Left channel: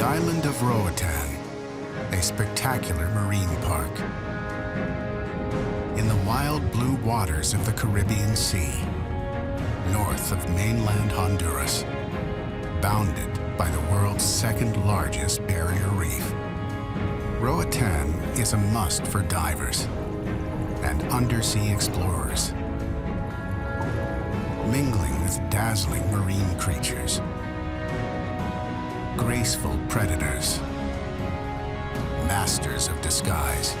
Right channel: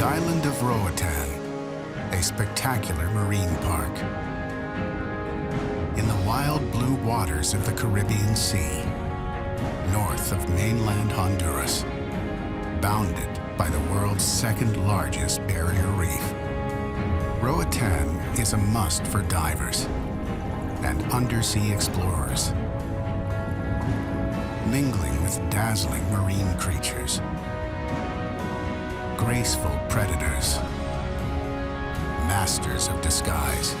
The island of Roatan, a spectacular marine park. In the wild blue waters of the Caribbean Sea, north of mainland Honduras, bounded by the world's second largest barrier reef. Roatan is a must for divers and undersea explorers, mingling with dazzling marine creatures, graceful predators, masters of disguise,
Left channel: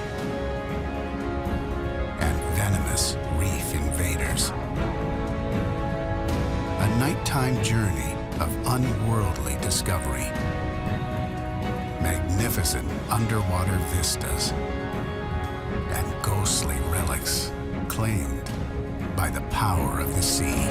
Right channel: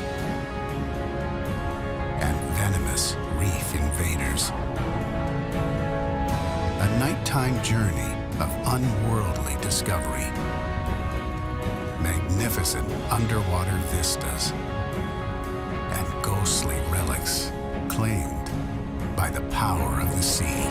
and venomous reef invaders. A nighttime journey of unworldly discovery, magnificent underwater vistas, and ghostly relics claimed by the power of the sea.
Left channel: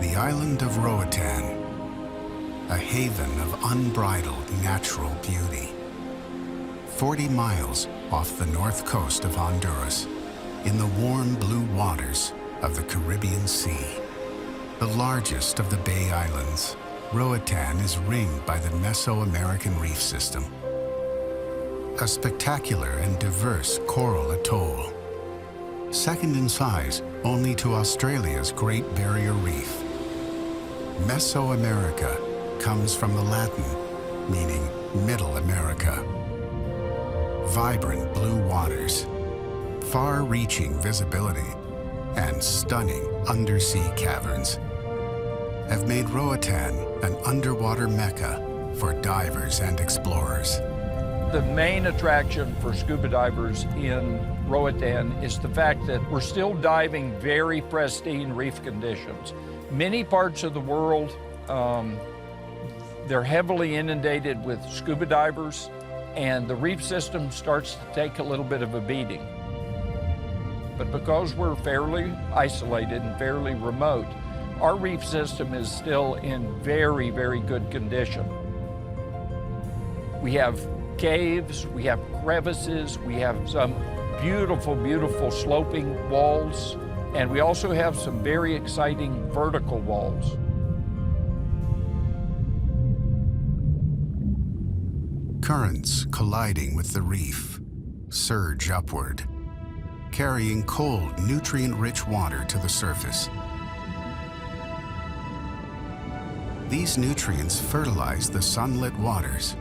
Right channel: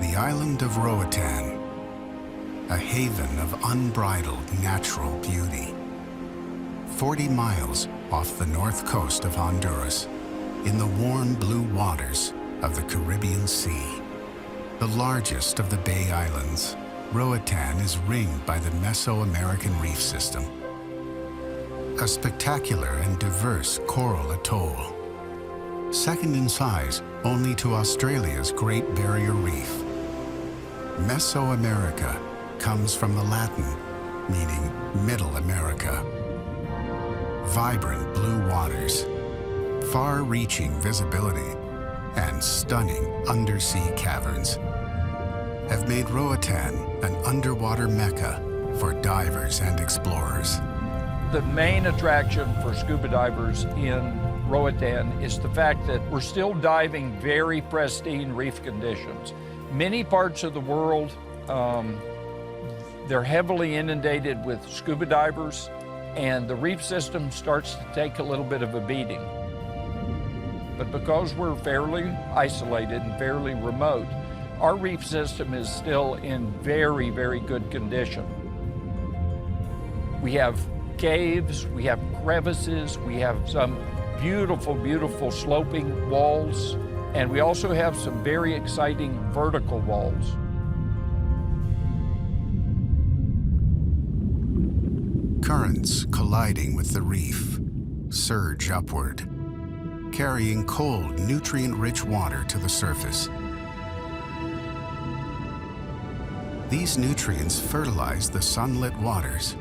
The island of Roatan, a haven of unbridled natural beauty. 40 miles off the north coast of Honduras, in the warm blue waters of the Caribbean Sea. The largest of the Bay Islands, Roatan is ringed by the Mesoamerican Reef System, a spectacular and diverse coral atoll, second in size only to Australia's Great Barrier Reef. Mesoamerica comes from the Latin meaning Middle America. Vibrant blue waters, far-reaching visibility, and stunning undersea caverns have made Roatan an underwater mecca for divers and explorers. The main attraction for scuba divers in Roatan is the fact that we're still diving very pristine reef conditions. Many parts of the world, they're heavily inundated with scuba divers, and the reef system starts to take a little bit of a beating. But because we're fairly isolated and fairly remote, our reef system is still in very, very good condition. We have caves, we have crevices, we have some beautiful, beautiful sloping walls, and we also have some very exciting vertical walls. Currents colliding with the reef surge upward, carrying cold, nutrient-rich water to the surface. These nutrients fertilize the sunlit waters,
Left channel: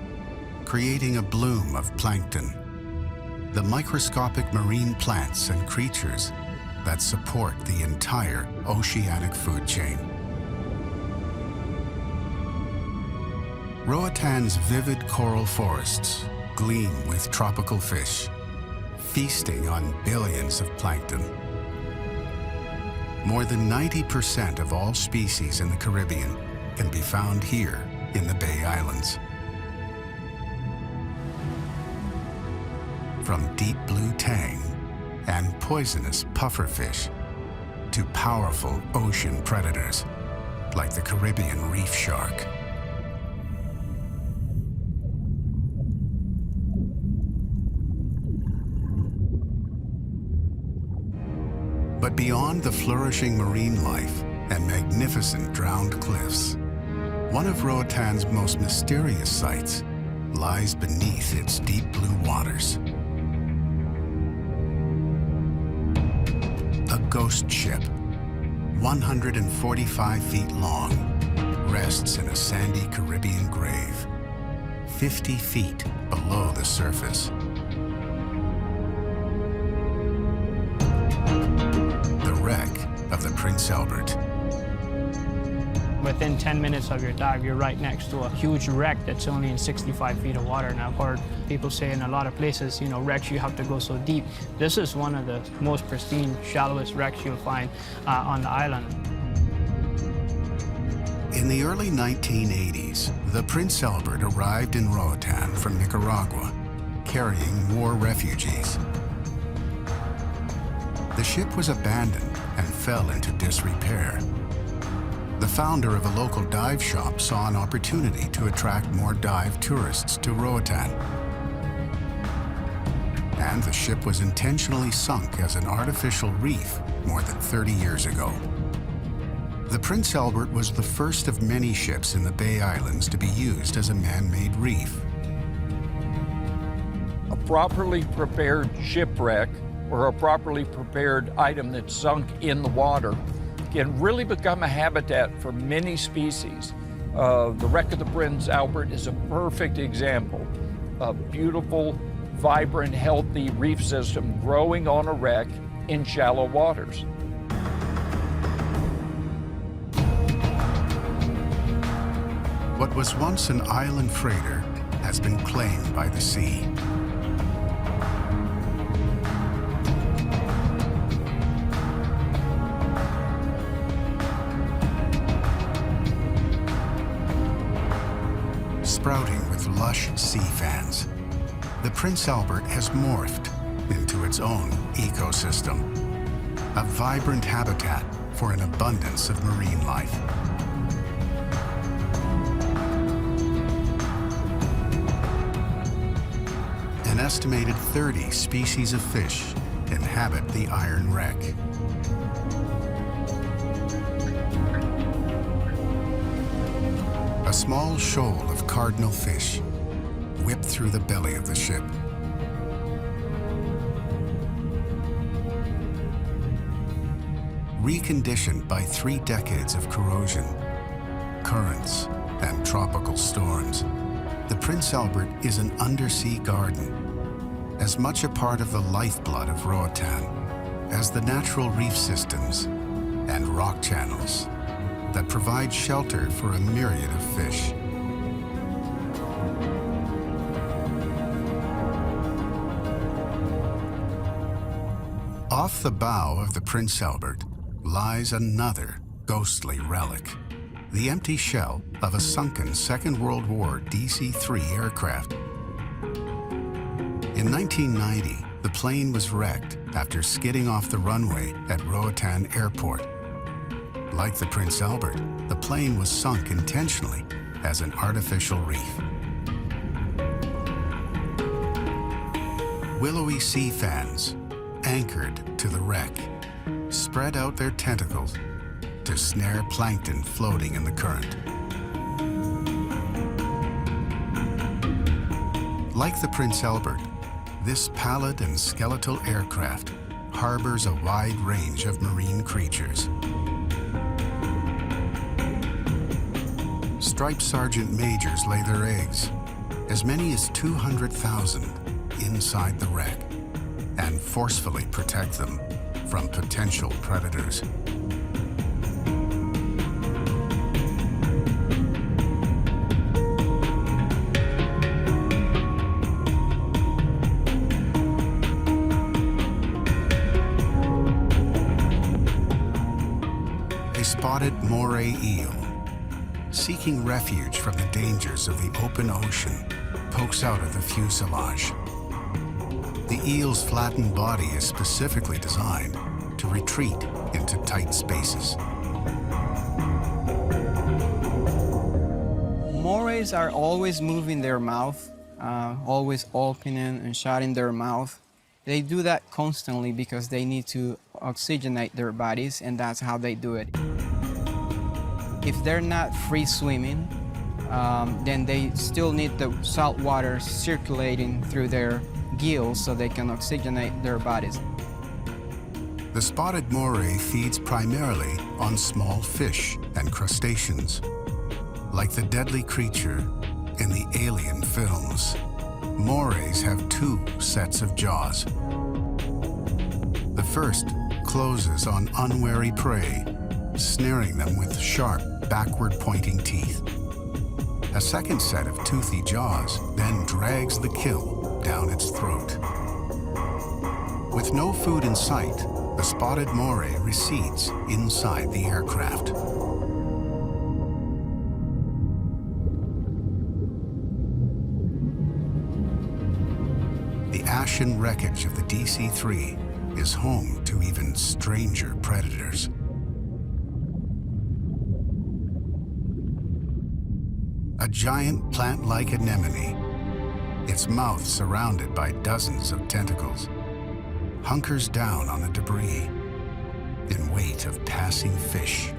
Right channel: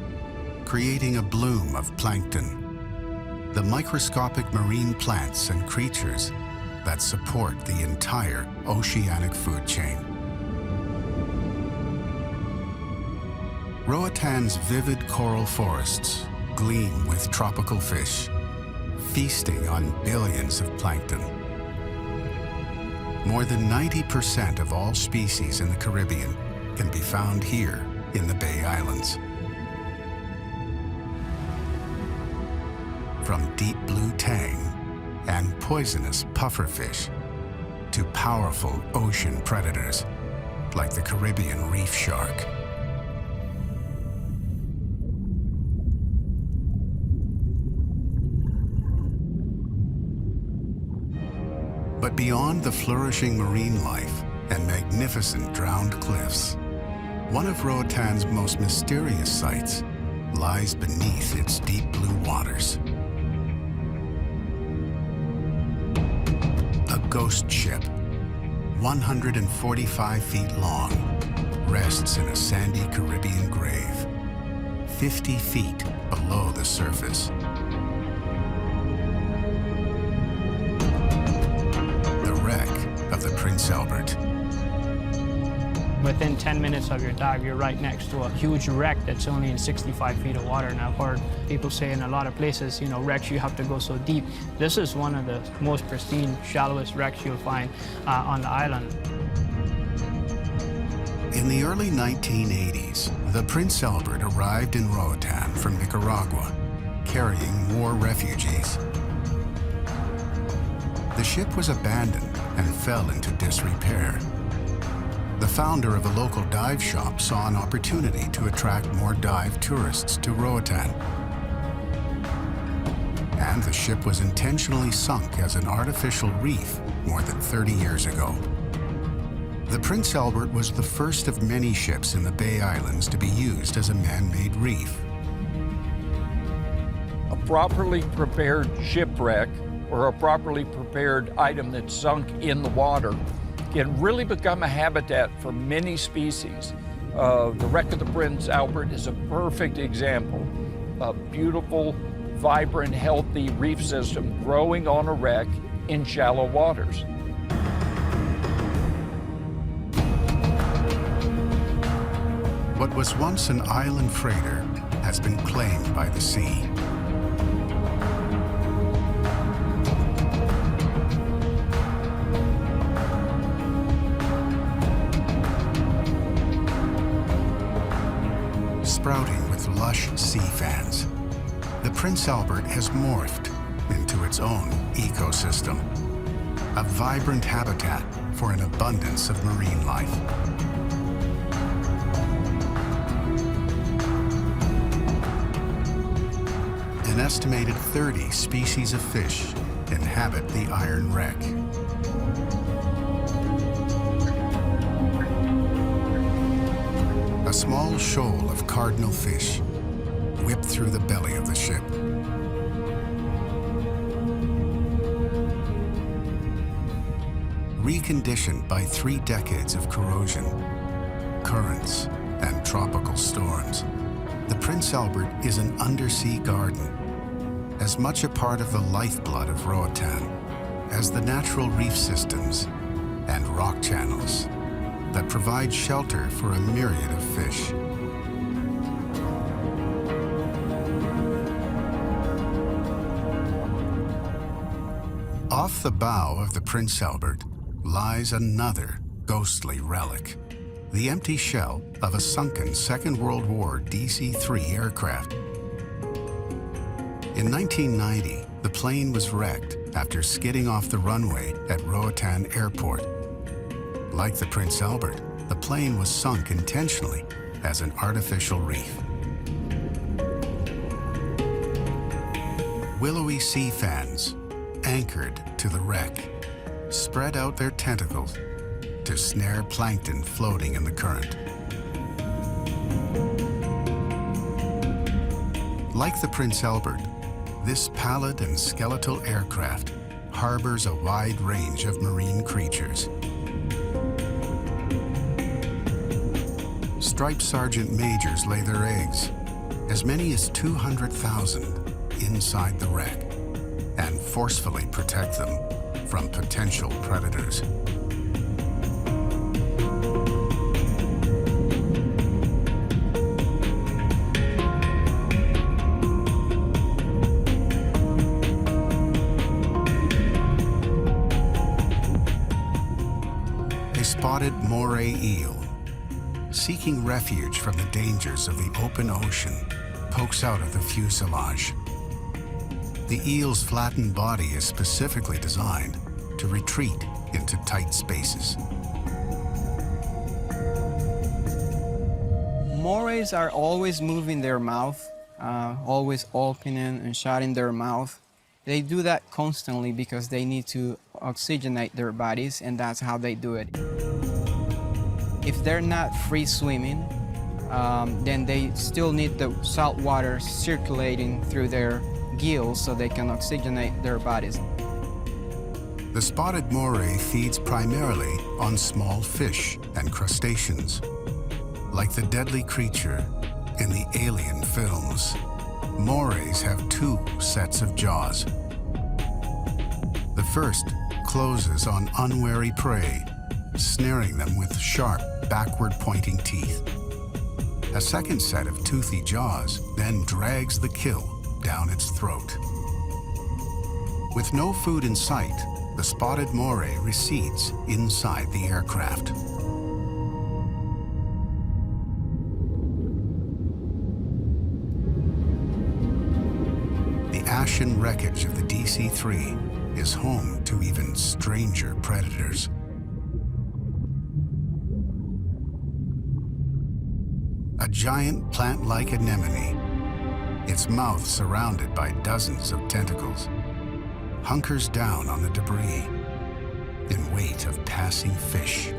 creating a bloom of plankton, the microscopic marine plants and creatures that support the entire oceanic food chain. Roatan's vivid coral forests gleam with tropical fish, feasting on billions of plankton. More than 90% of all species in the Caribbean can be found here in the Bay Islands. From deep blue tang and poisonous pufferfish to powerful ocean predators like the Caribbean reef shark. But beyond the flourishing marine life and magnificent drowned cliffs, one of Roatan's most mysterious sights lies beneath its deep blue waters. A ghost ship, 145 feet long, rests in a sandy Caribbean grave, 50 feet below the surface. The wreck of the Prince Albert. Within 10 minutes of your dive, you're right next to a huge wreck that's only in 65 feet of water. And I've heard people say in a lot of places, you know, wrecks, you have to go so deep. This is one of the most pristine, shallowest wrecks you'll find on the island. In the early 1980s, the Prince Albert arrived in Roatan from Nicaragua, carrying war refugees. The ship was abandoned and fell into disrepair. The founder of a local dive shop saw an opportunity to attract more dive tourists to Roatan. And the ship was intentionally sunk as an artificial reef more than 30 years ago. The Prince Albert was the first of many ships in the Bay Islands to be used as a man-made reef. A properly prepared shipwreck or a properly prepared item that's sunk in the water can really become a habitat for many species. The wreck of the Prince Albert is a perfect example. A beautiful, vibrant, healthy reef system growing on a wreck in shallow waters. What was once an island freighter has been claimed by the sea. Sprouting with lush sea fans, the Prince Albert has morphed into its own ecosystem, a vibrant habitat for an abundance of marine life. An estimated 30 species of fish inhabit the iron wreck. A small shoal of cardinal fish whipped through the belly of the ship. Reconditioned by 3 decades of corrosion, currents, and tropical storms, the Prince Albert is an undersea garden, as much a part of the lifeblood of Roatan as the natural reef systems and rock channels that provide shelter for a myriad of fish. Off the bow of the Prince Albert lies another ghostly relic, the empty shell of a sunken Second World War DC-3 aircraft. In 1990, the plane was wrecked after skidding off the runway at Roatan Airport. Like the Prince Albert, the plane was sunk intentionally as an artificial reef. Willowy sea fans, anchored to the wreck, spread out their tentacles to snare plankton floating in the current. Like the Prince Albert, this pallid and skeletal aircraft harbors a wide range of marine creatures. Striped sergeant majors lay their eggs, as many as 200,000 inside the wreck, and forcefully protect them from potential predators. A spotted moray eel, seeking refuge from the dangers of the open ocean, pokes out of the fuselage. The eel's flattened body is specifically designed to retreat into tight spaces. Morays are always moving their mouth, always opening and shutting their mouth. They do that constantly because they need to oxygenate their bodies, and that's how they do it. If they're not free swimming, then they still need the salt water circulating through their gills so they can oxygenate their bodies. The spotted moray feeds primarily on small fish and crustaceans, Like the deadly creature in the Alien films, morays have two sets of jaws. The first closes on unwary prey, snaring them with sharp, backward-pointing teeth. A second set of toothy jaws then drags the kill down its throat. With no food in sight, the spotted moray recedes inside the aircraft. The ashen wreckage of the DC-3 is home to even stranger predators. A giant plant-like anemone, its mouth surrounded by dozens of tentacles, hunkers down on the debris in wait of passing fish.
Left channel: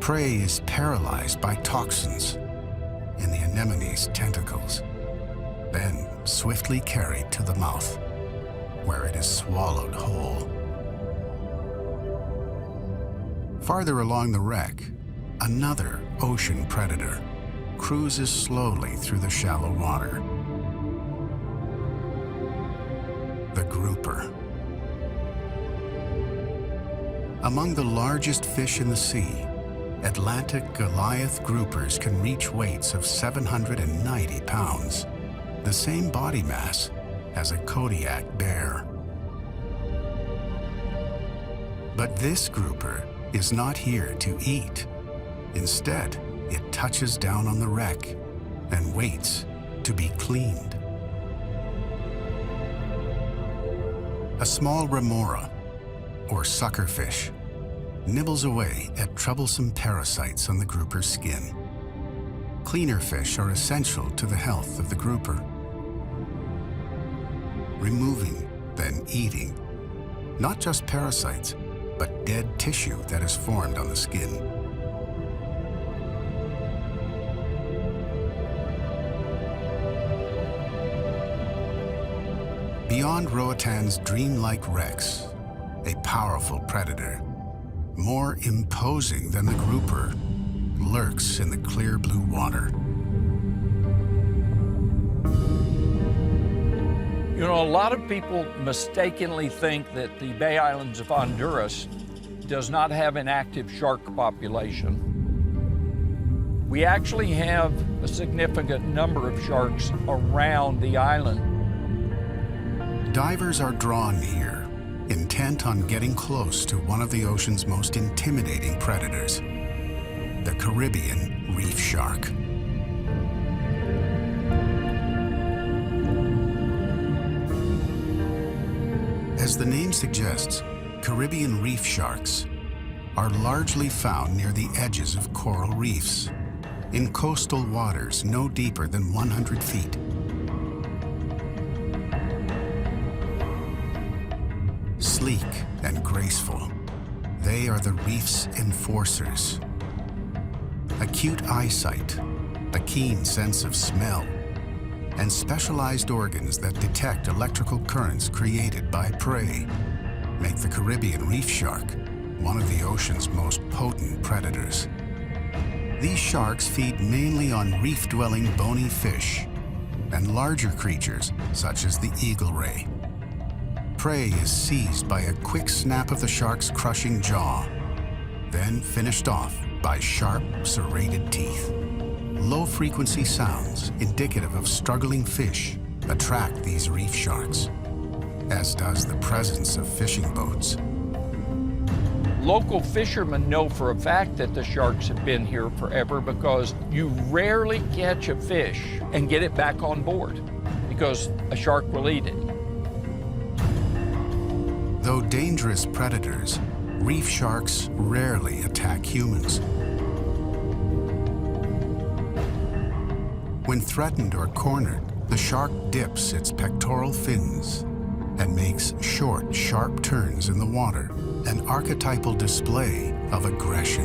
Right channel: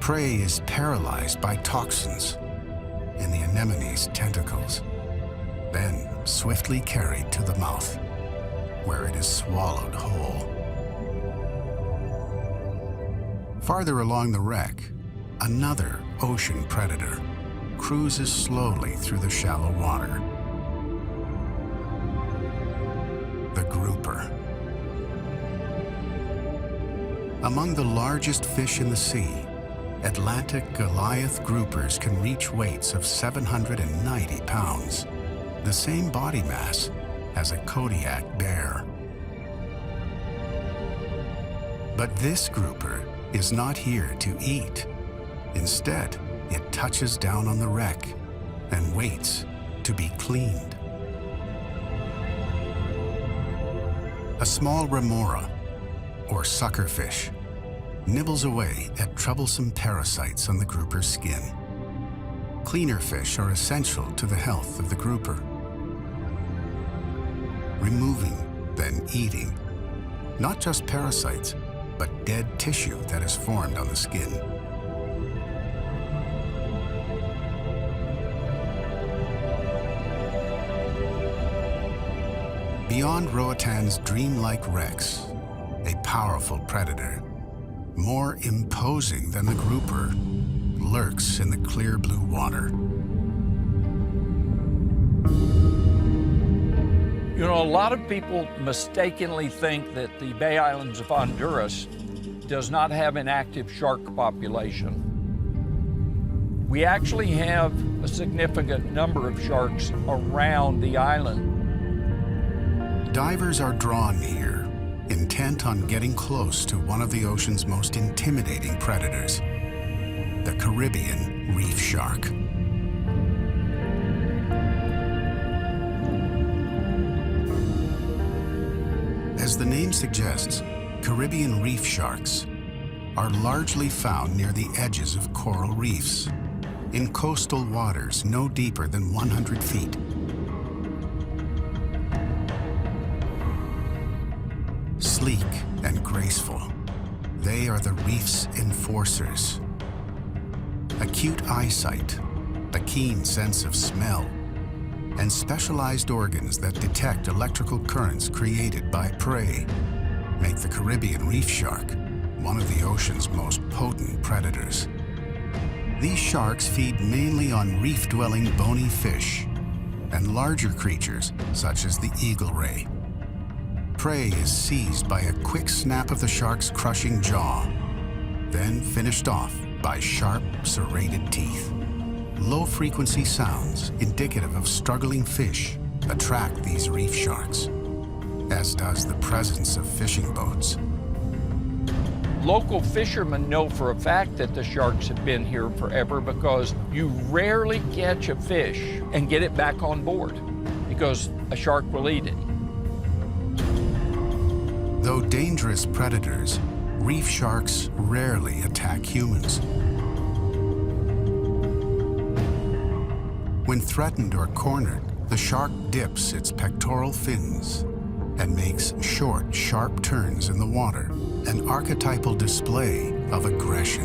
Prey is paralyzed by toxins in the anemone's tentacles, then swiftly carried to the mouth, where it is swallowed whole. Farther along the wreck, another ocean predator cruises slowly through the shallow water. The grouper. Among the largest fish in the sea, Atlantic Goliath groupers can reach weights of 790 pounds, the same body mass as a Kodiak bear. But this grouper is not here to eat. Instead, it touches down on the wreck and waits to be cleaned. A small remora, or suckerfish, nibbles away at troublesome parasites on the grouper's skin. Cleaner fish are essential to the health of the grouper. Removing, then eating, not just parasites, but dead tissue that is formed on the skin. Beyond Roatan's dreamlike wrecks, a powerful predator, more imposing than the grouper, lurks in the clear blue water. You know, a lot of people mistakenly think that the Bay Islands of Honduras does not have an active shark population. We actually have a significant number of sharks around the island. Divers are drawn here, intent on getting close to one of the ocean's most intimidating predators, the Caribbean reef shark. As the name suggests, Caribbean reef sharks are largely found near the edges of coral reefs, in coastal waters no deeper than 100 feet. Sleek and graceful, they are the reef's enforcers. Acute eyesight, a keen sense of smell, and specialized organs that detect electrical currents created by prey make the Caribbean reef shark one of the ocean's most potent predators. These sharks feed mainly on reef-dwelling bony fish and larger creatures such as the eagle ray. Prey is seized by a quick snap of the shark's crushing jaw, then finished off by sharp, serrated teeth. Low-frequency sounds indicative of struggling fish attract these reef sharks, as does the presence of fishing boats. Local fishermen know for a fact that the sharks have been here forever because you rarely catch a fish and get it back on board because a shark will eat it. Though dangerous predators, reef sharks rarely attack humans. When threatened or cornered, the shark dips its pectoral fins and makes short, sharp turns in the water, an archetypal display of aggression.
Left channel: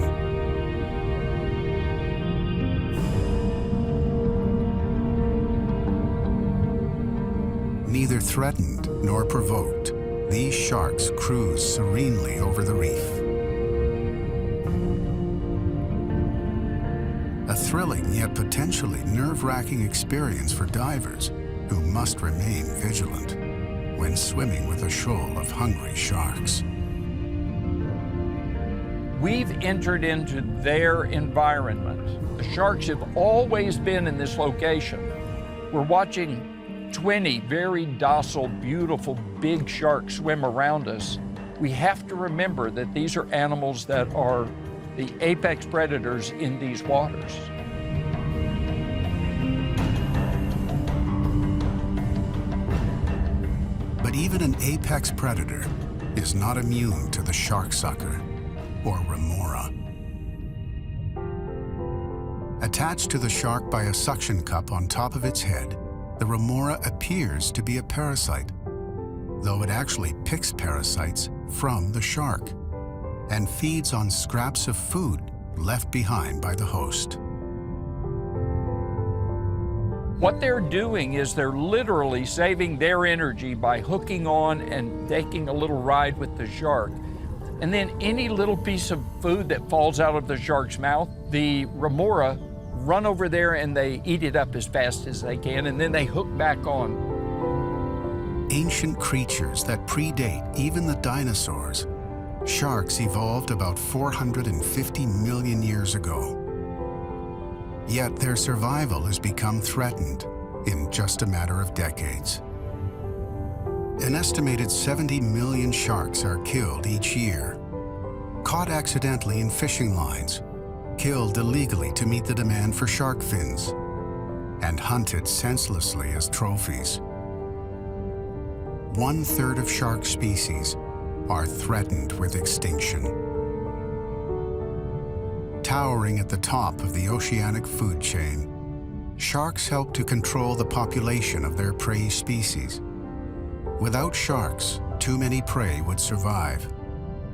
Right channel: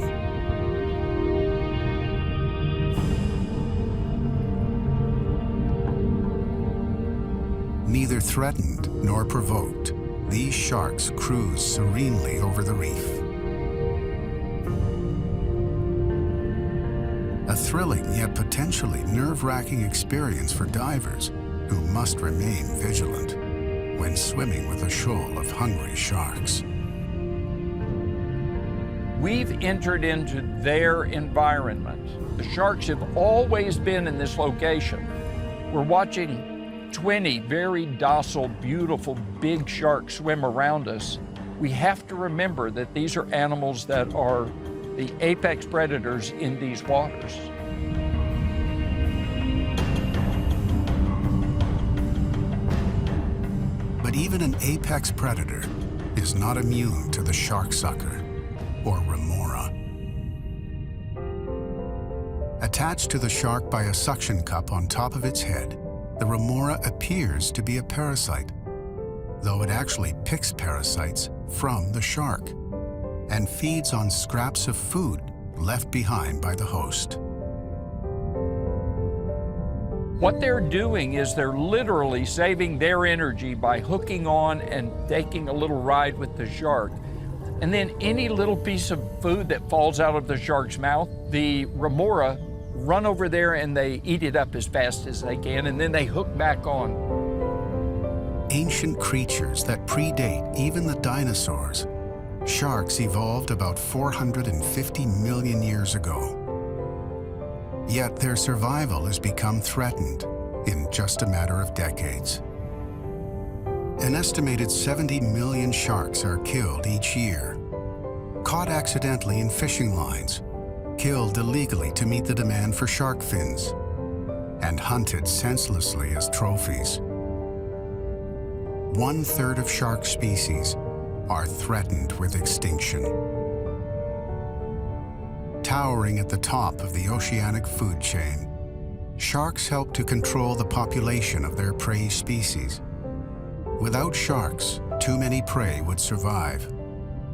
Neither threatened nor provoked, these sharks cruise serenely over the reef. A thrilling yet potentially nerve-wracking experience for divers who must remain vigilant when swimming with a shoal of hungry sharks. We've entered into their environment. The sharks have always been in this location. We're watching 20 very docile, beautiful, big sharks swim around us. We have to remember that these are animals that are the apex predators in these waters. But even an apex predator is not immune to the shark sucker, or remora. Attached to the shark by a suction cup on top of its head, the remora appears to be a parasite, though it actually picks parasites from the shark and feeds on scraps of food left behind by the host. What they're doing is they're literally saving their energy by hooking on and taking a little ride with the shark. And then any little piece of food that falls out of the shark's mouth, the remora run over there and they eat it up as fast as they can, and then they hook back on. Ancient creatures that predate even the dinosaurs, sharks evolved about 450 million years ago. Yet their survival has become threatened in just a matter of decades. An estimated 70 million sharks are killed each year, caught accidentally in fishing lines, killed illegally to meet the demand for shark fins, and hunted senselessly as trophies. 1/3 of shark species are threatened with extinction. Towering at the top of the oceanic food chain, sharks help to control the population of their prey species. Without sharks, too many prey would survive,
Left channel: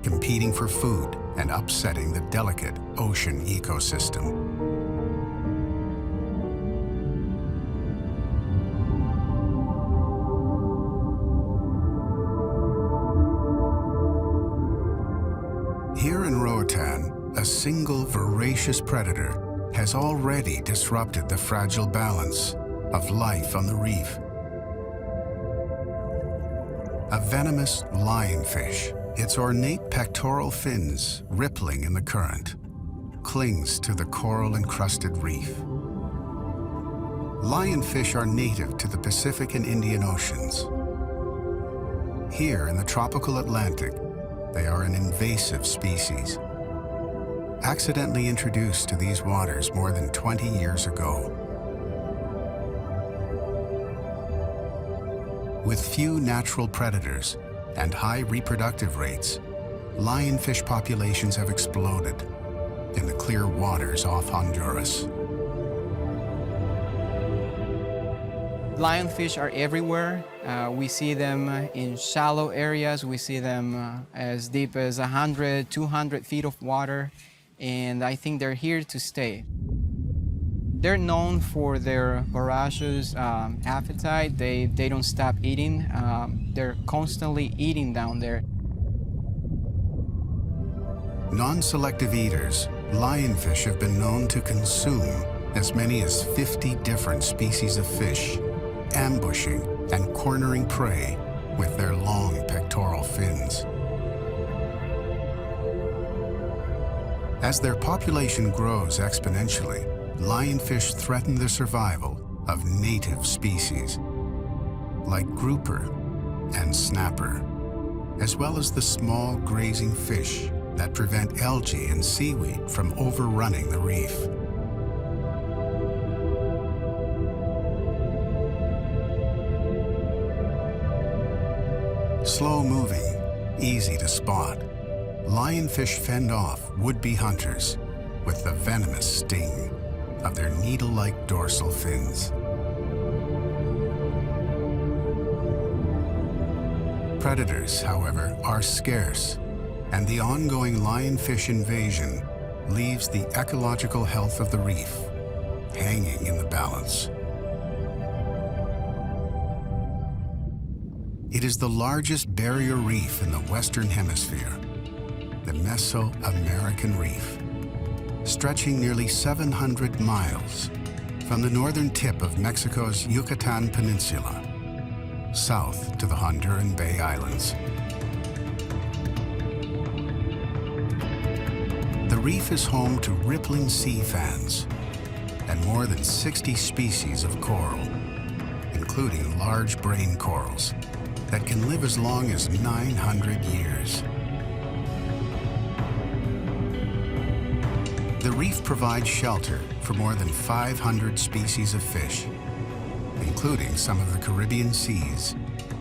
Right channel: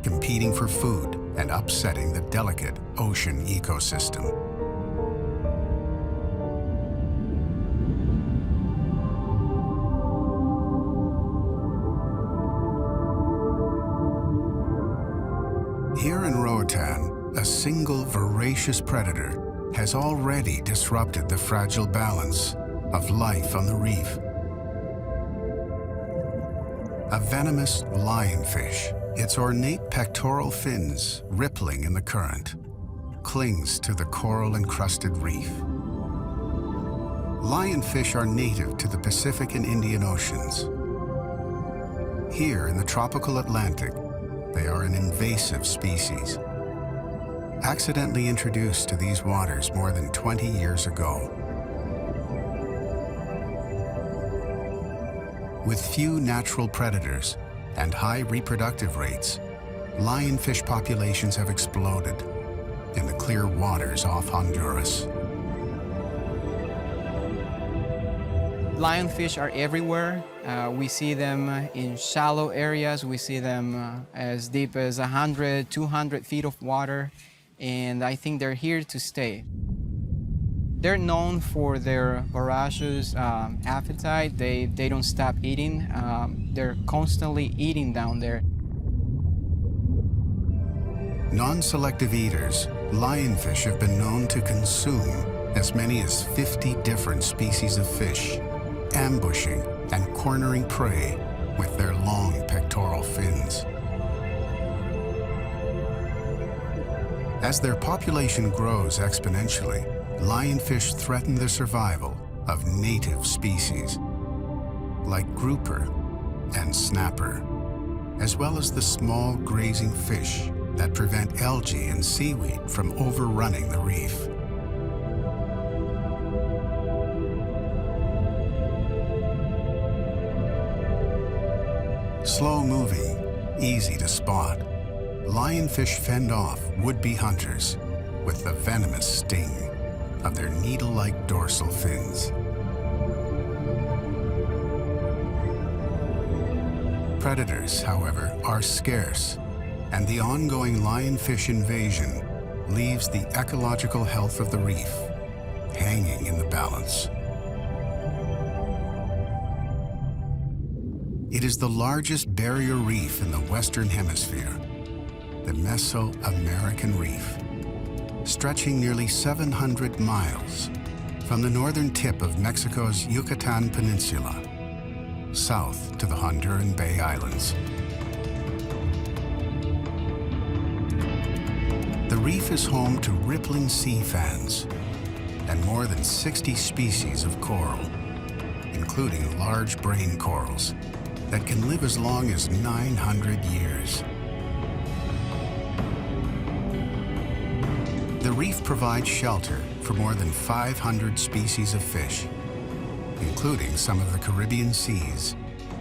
competing for food and upsetting the delicate ocean ecosystem. Here in Roatan, a single voracious predator has already disrupted the fragile balance of life on the reef. A venomous lionfish, its ornate pectoral fins rippling in the current, clings to the coral-encrusted reef. Lionfish are native to the Pacific and Indian Oceans. Here in the tropical Atlantic, they are an invasive species, accidentally introduced to these waters more than 20 years ago. With few natural predators and high reproductive rates, lionfish populations have exploded in the clear waters off Honduras. Lionfish are everywhere. We see them in shallow areas. We see them as deep as 100, 200 feet of water. And I think they're here to stay. They're known for their voracious appetite. They don't stop eating. They're constantly eating down there. Non-selective eaters, lionfish have been known to consume as many as 50 different species of fish, ambushing and cornering prey with their long pectoral fins. As their population grows exponentially, lionfish threaten the survival of native species, like grouper and snapper, as well as the small grazing fish that prevent algae and seaweed from overrunning the reef. Slow-moving, easy to spot, lionfish fend off would-be hunters with the venomous sting of their needle-like dorsal fins. Predators, however, are scarce, and the ongoing lionfish invasion leaves the ecological health of the reef hanging in the balance. It is the largest barrier reef in the Western Hemisphere, the Mesoamerican Reef. stretching nearly 700 miles from the northern tip of Mexico's Yucatan Peninsula, south to the Honduran Bay Islands. The reef is home to rippling sea fans and more than 60 species of coral, including large brain corals that can live as long as 900 years. The reef provides shelter for more than 500 species of fish, including some of the Caribbean Sea's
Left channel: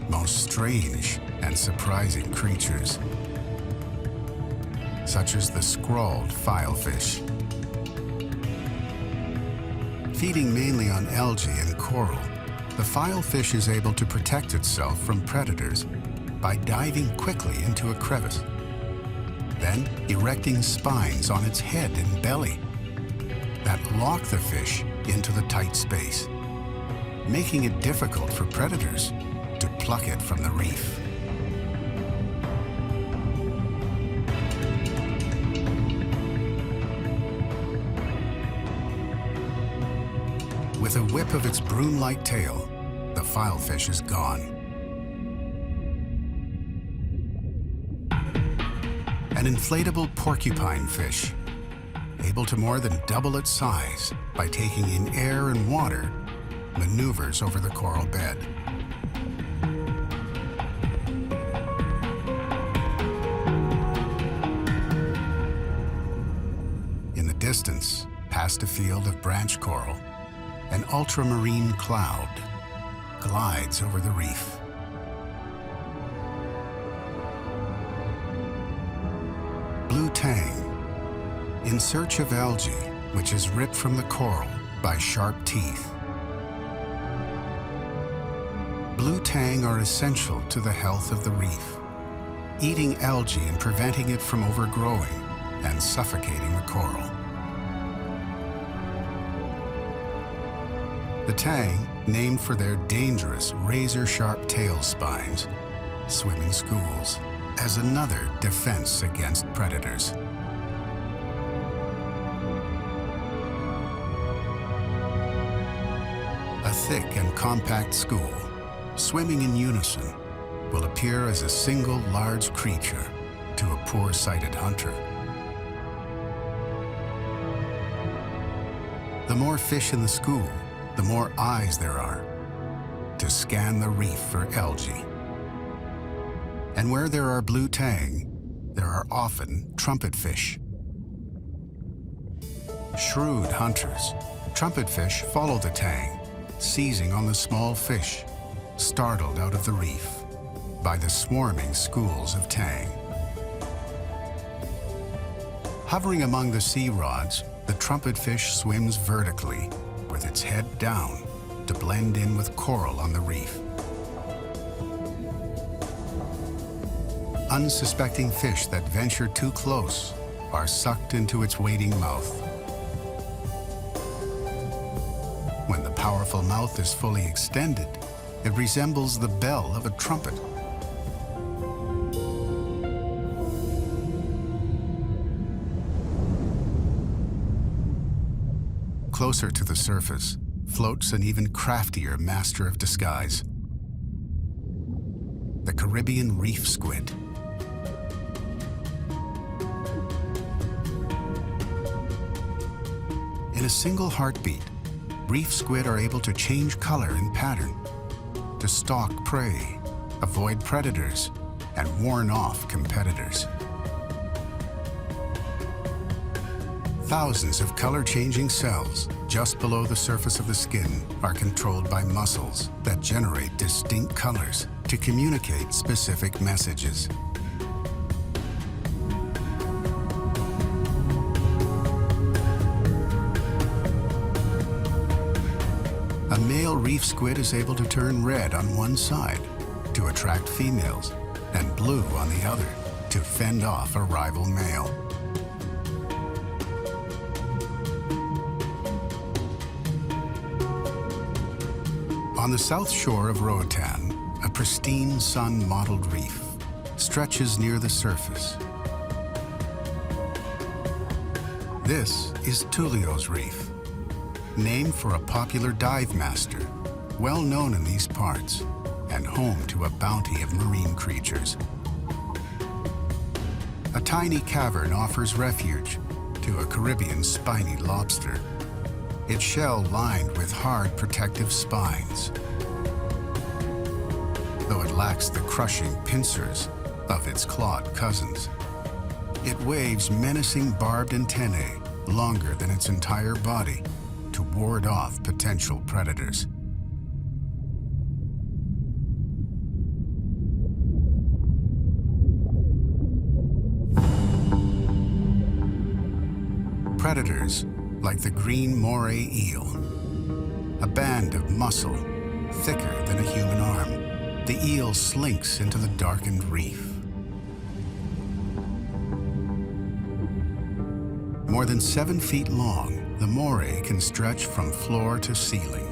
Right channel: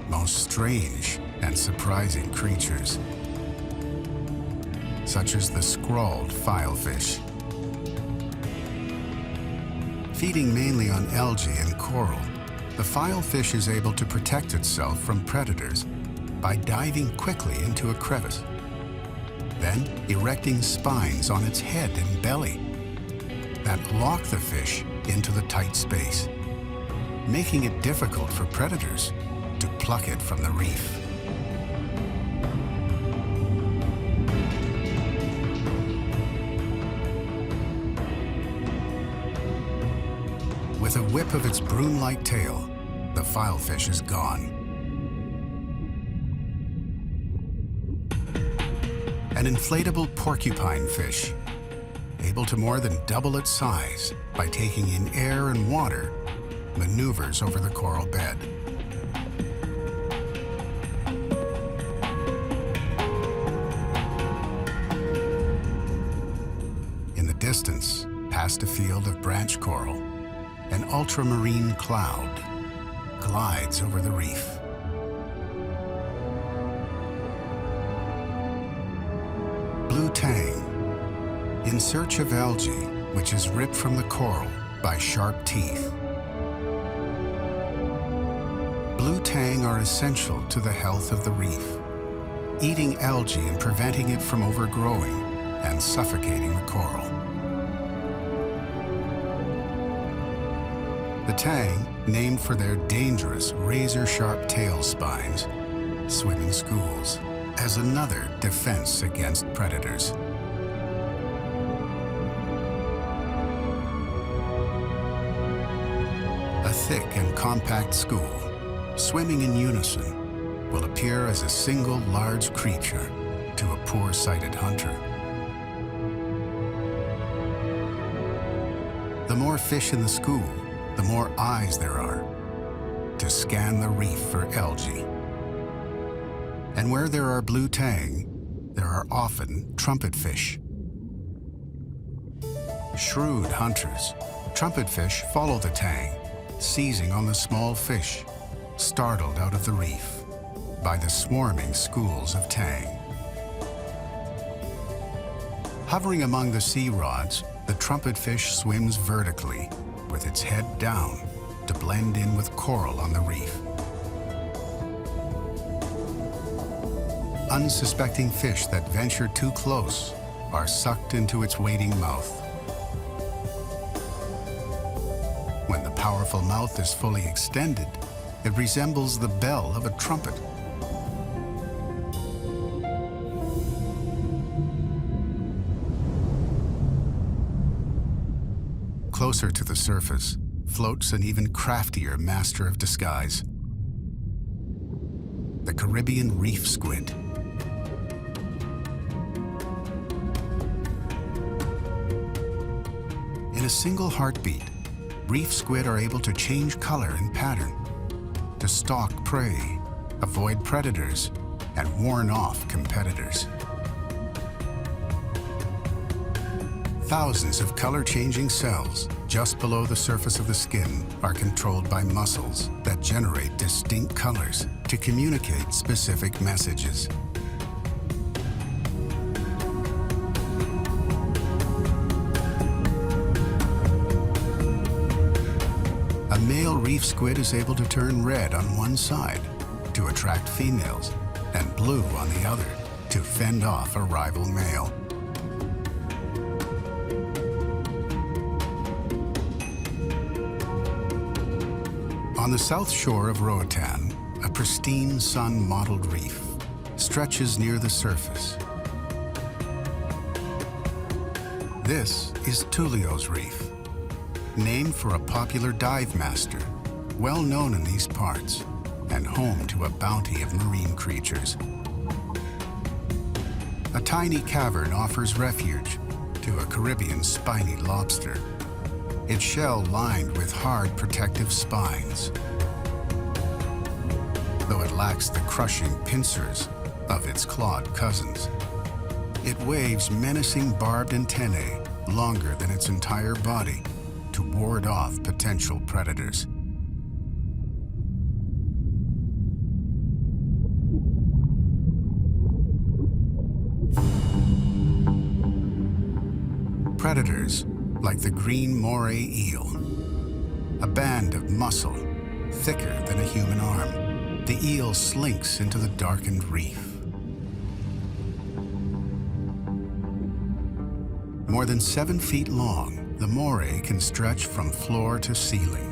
most strange and surprising creatures, such as the scrawled filefish. Feeding mainly on algae and coral, the filefish is able to protect itself from predators by diving quickly into a crevice, then erecting spines on its head and belly that lock the fish into the tight space, making it difficult for predators to pluck it from the reef. With a whip of its broom-like tail, the filefish is gone. An inflatable porcupine fish, able to more than double its size by taking in air and water, maneuvers over the coral bed. In the distance, past a field of branch coral, an ultramarine cloud glides over the reef. Blue tang, in search of algae, which is ripped from the coral by sharp teeth. Blue tang are essential to the health of the reef, eating algae and preventing it from overgrowing and suffocating the coral. The tang, named for their dangerous razor-sharp tail spines, swim in schools as another defense against predators. A thick and compact school, swimming in unison, will appear as a single large creature to a poor-sighted hunter. The more fish in the school, the more eyes there are to scan the reef for algae. And where there are blue tang, there are often trumpetfish. Shrewd hunters, trumpetfish follow the tang, seizing on the small fish, startled out of the reef by the swarming schools of tang. Hovering among the sea rods, the trumpetfish swims vertically with its head down to blend in with coral on the reef. Unsuspecting fish that venture too close are sucked into its waiting mouth. When the powerful mouth is fully extended, it resembles the bell of a trumpet. Closer to the surface floats an even craftier master of disguise, the Caribbean reef squid. In a single heartbeat, reef squid are able to change color and pattern, to stalk prey, avoid predators, and warn off competitors. Thousands of color-changing cells just below the surface of the skin are controlled by muscles that generate distinct colors to communicate specific messages. A male reef squid is able to turn red on one side to attract females and blue on the other to fend off a rival male. On the south shore of Roatan, a pristine sun-mottled reef stretches near the surface. This is Tullio's Reef, named for a popular dive master, well known in these parts, and home to a bounty of marine creatures. A tiny cavern offers refuge to a Caribbean spiny lobster, its shell lined with hard protective spines. Though it lacks the crushing pincers of its clawed cousins, it waves menacing barbed antennae longer than its entire body to ward off potential predators. Predators like the green moray eel, a band of muscle thicker than a human arm. The eel slinks into the darkened reef. More than 7 feet long, the moray can stretch from floor to ceiling.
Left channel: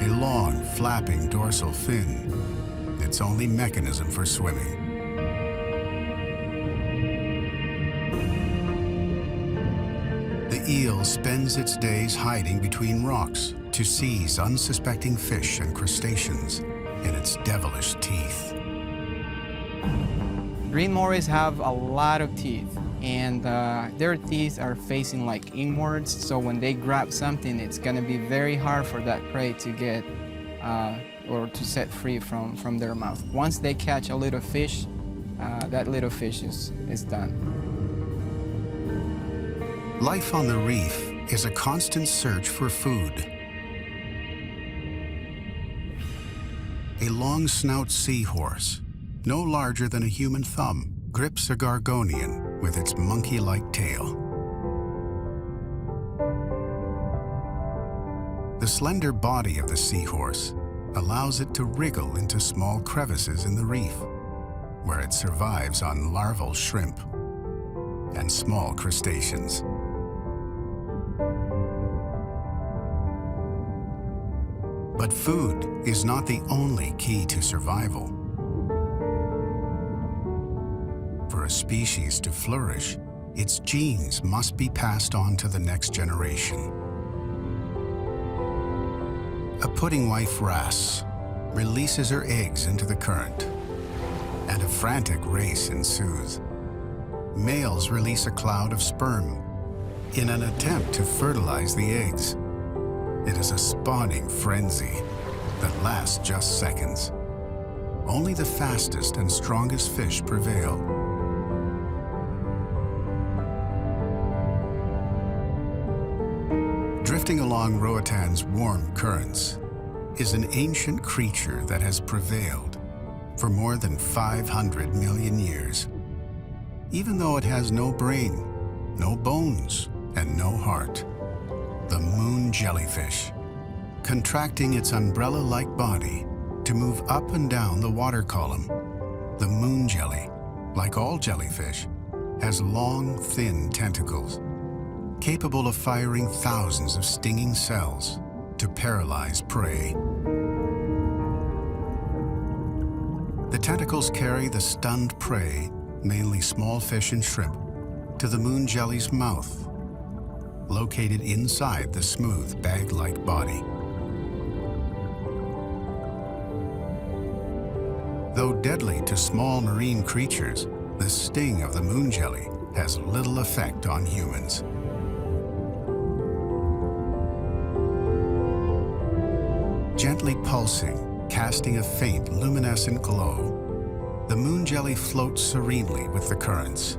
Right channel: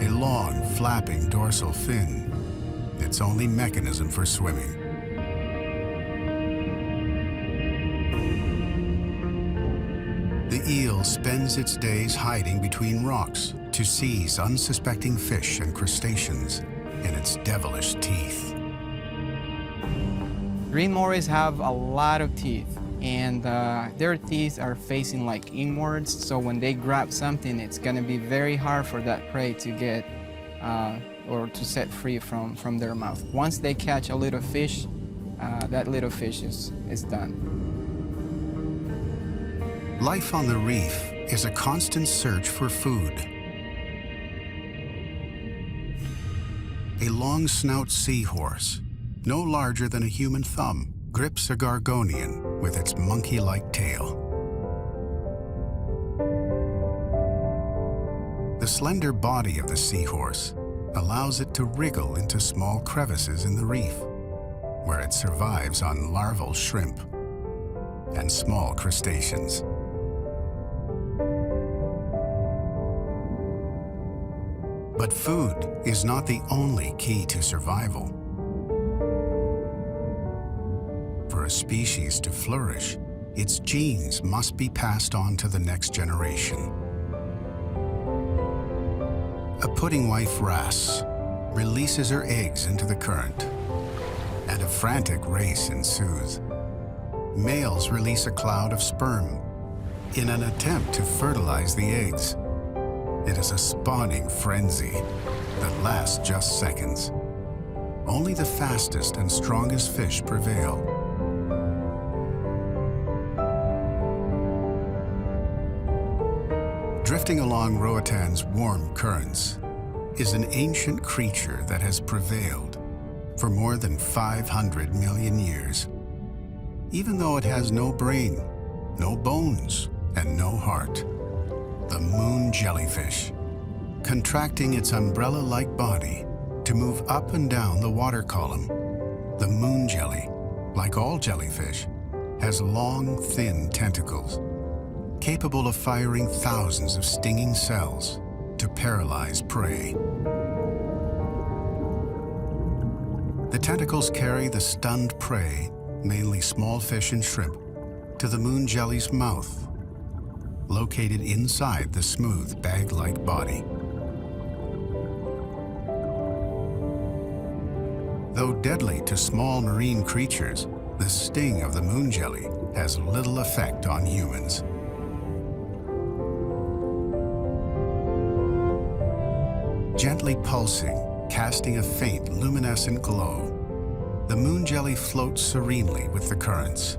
A long, flapping dorsal fin, its only mechanism for swimming. The eel spends its days hiding between rocks to seize unsuspecting fish and crustaceans in its devilish teeth. Green morays have a lot of teeth, and their teeth are facing like inwards, so when they grab something, it's gonna be very hard for that prey to get or to set free from their mouth. Once they catch a little fish, that little fish is done. Life on the reef is a constant search for food. A long snout seahorse, no larger than a human thumb, grips a gorgonian with its monkey-like tail. The slender body of the seahorse allows it to wriggle into small crevices in the reef, where it survives on larval shrimp and small crustaceans. But food is not the only key to survival. For a species to flourish, its genes must be passed on to the next generation. A pudding wife wrasse releases her eggs into the current, and a frantic race ensues. Males release a cloud of sperm in an attempt to fertilize the eggs. It is a spawning frenzy that lasts just seconds. Only the fastest and strongest fish prevail. Drifting along Roatan's warm currents is an ancient creature that has prevailed for more than 500 million years. Even though it has no brain, no bones, and no heart. The moon jellyfish, contracting its umbrella-like body to move up and down the water column. The moon jelly, like all jellyfish, has long, thin tentacles, capable of firing thousands of stinging cells to paralyze prey. The tentacles carry the stunned prey, mainly small fish and shrimp, to the moon jelly's mouth, located inside the smooth bag-like body. Though deadly to small marine creatures, the sting of the moon jelly has little effect on humans. Gently pulsing, casting a faint luminescent glow, the moon jelly floats serenely with the currents,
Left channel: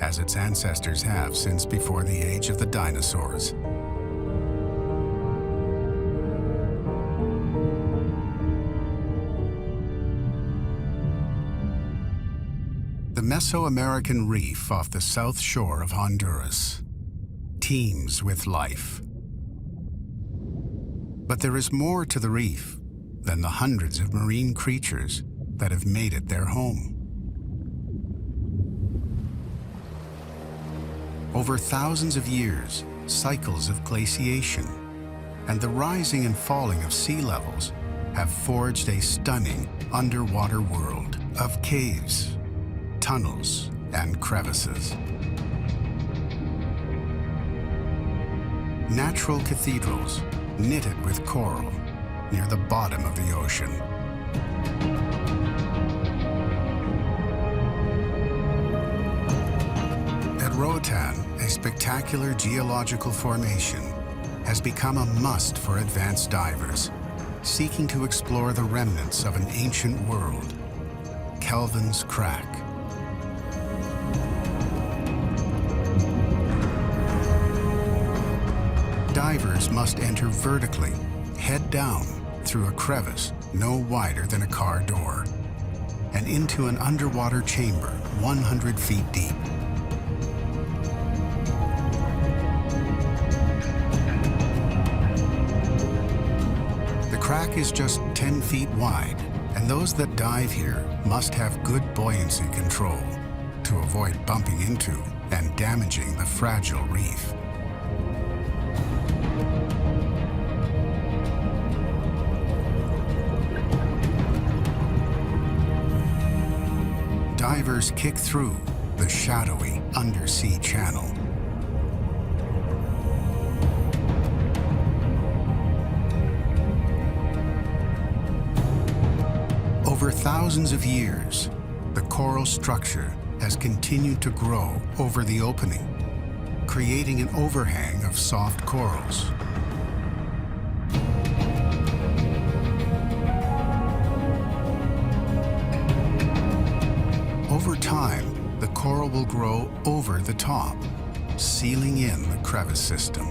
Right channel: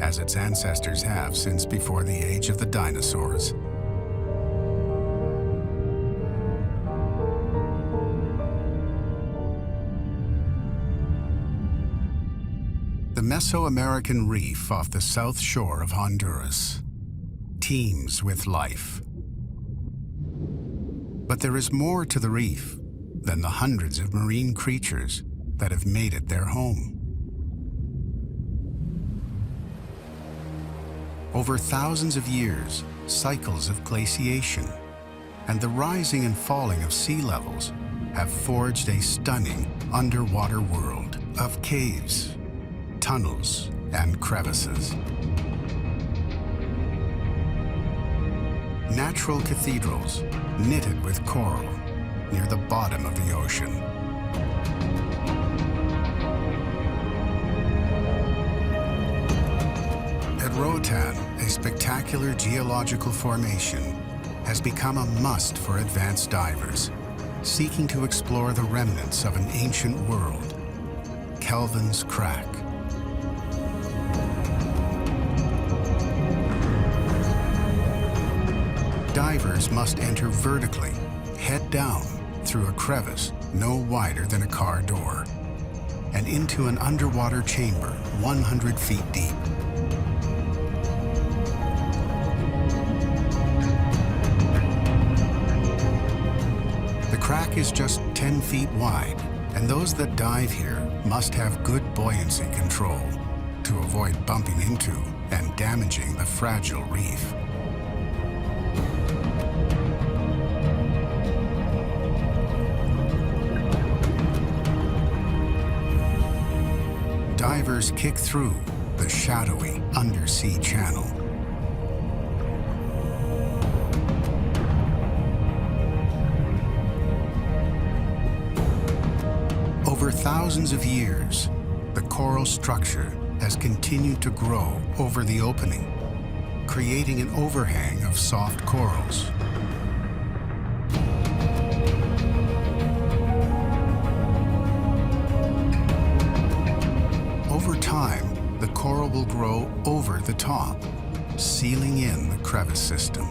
as its ancestors have since before the age of the dinosaurs. The Mesoamerican reef off the south shore of Honduras teems with life. But there is more to the reef than the hundreds of marine creatures that have made it their home. Over thousands of years, cycles of glaciation and the rising and falling of sea levels have forged a stunning underwater world of caves, tunnels and crevices. Natural cathedrals knitted with coral near the bottom of the ocean. At Roatan, a spectacular geological formation has become a must for advanced divers seeking to explore the remnants of an ancient world, Kelvin's Crack. Divers must enter vertically, head down, through a crevice no wider than a car door, and into an underwater chamber 100 feet deep. The crack is just 10 feet wide, and those that dive here must have good buoyancy control to avoid bumping into and damaging the fragile reef. Divers kick through the shadowy undersea channel. Over thousands of years, the coral structure has continued to grow over the opening, creating an overhang of soft corals. Over time, the coral will grow over the top, sealing in the crevice system.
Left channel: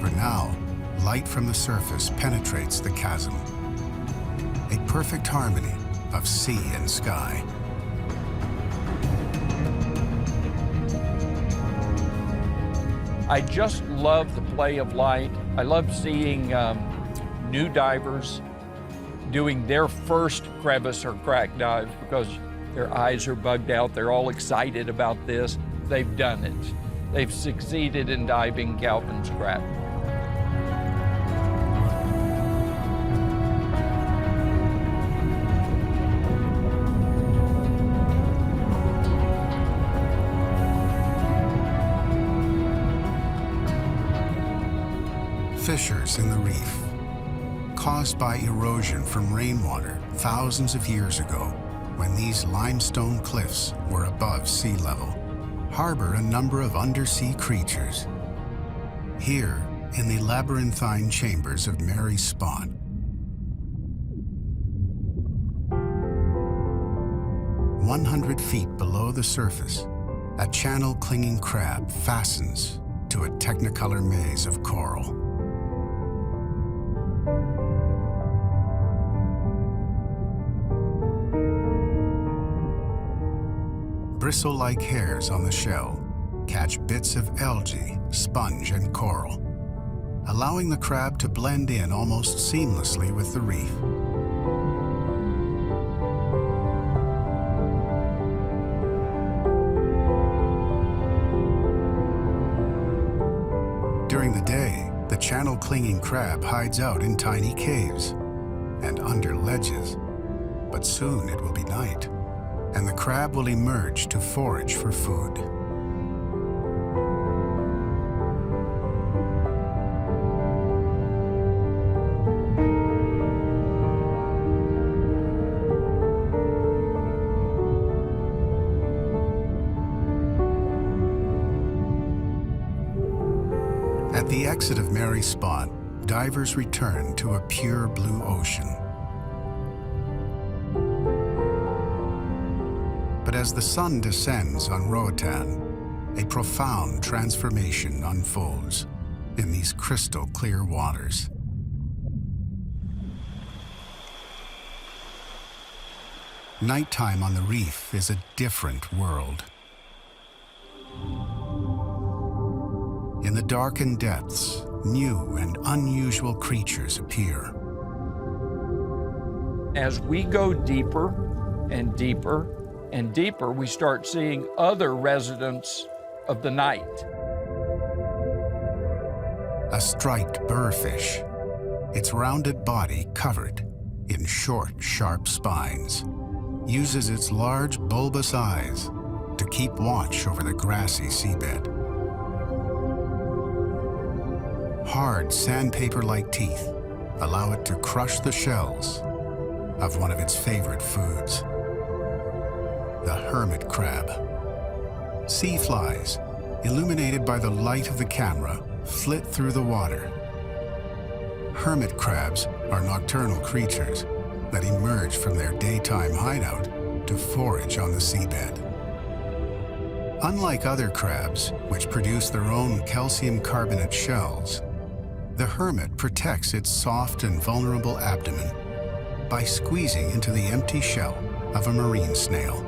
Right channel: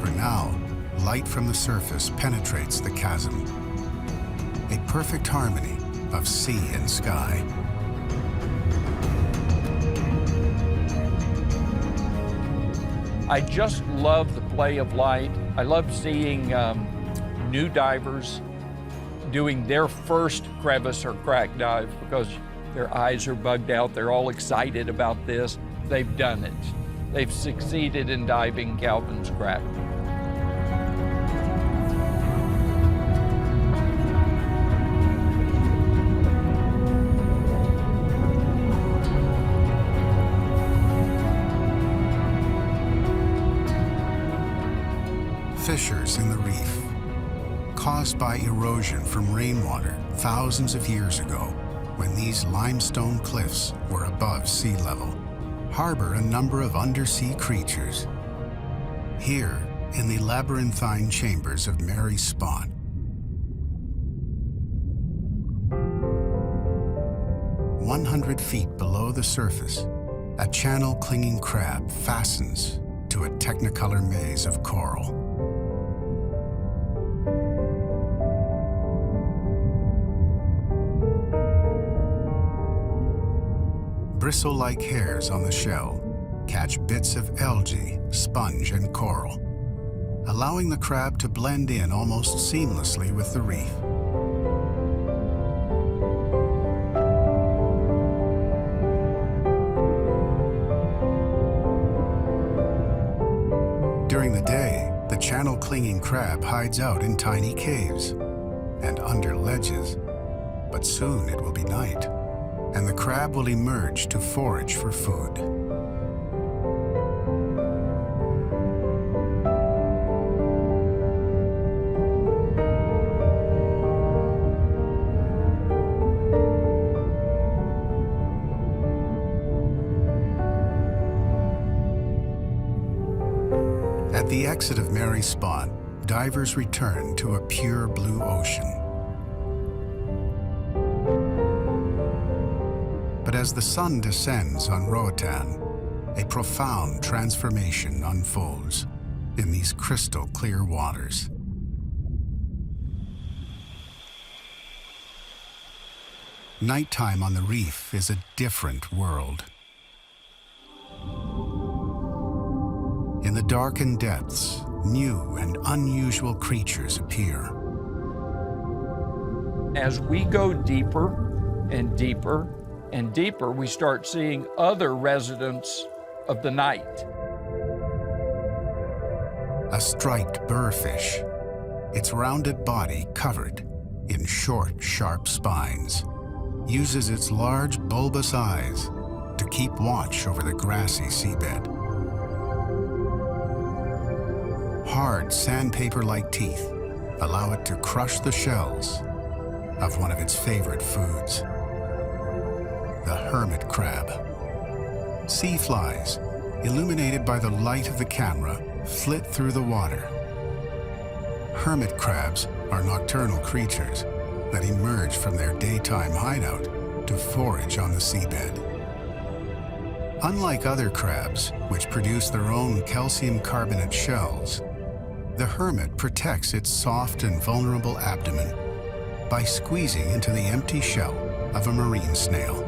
For now, light from the surface penetrates the chasm, a perfect harmony of sea and sky. I just love the play of light. I love seeing new divers doing their first crevice or crack dive because their eyes are bugged out. They're all excited about this. They've done it. They've succeeded in diving Kelvin's Crack. Fissures in the reef, caused by erosion from rainwater thousands of years ago when these limestone cliffs were above sea level, harbor a number of undersea creatures. Here, in the labyrinthine chambers of Mary's Spot, "100 feet below the surface, a channel-clinging crab fastens to a technicolor maze of coral. Bristle-like hairs on the shell catch bits of algae, sponge, and coral, allowing the crab to blend in almost seamlessly with the reef. During the day, the channel-clinging crab hides out in tiny caves and under ledges, but soon it will be night, and the crab will emerge to forage for food. At the exit of Mary's Spot, divers return to a pure blue ocean. But as the sun descends on Roatan, a profound transformation unfolds in these crystal clear waters. Nighttime on the reef is a different world. In the darkened depths, new and unusual creatures appear. As we go deeper, and deeper and deeper, we start seeing other residents of the night. A striped burrfish, its rounded body covered in short, sharp spines, uses its large bulbous eyes to keep watch over the grassy seabed. Hard sandpaper-like teeth allow it to crush the shells of one of its favorite foods, the hermit crab. Sea flies, illuminated by the light of the camera, flit through the water. Hermit crabs are nocturnal creatures that emerge from their daytime hideout to forage on the seabed. Unlike other crabs, which produce their own calcium carbonate shells, the hermit protects its soft and vulnerable abdomen by squeezing into the empty shell of a marine snail.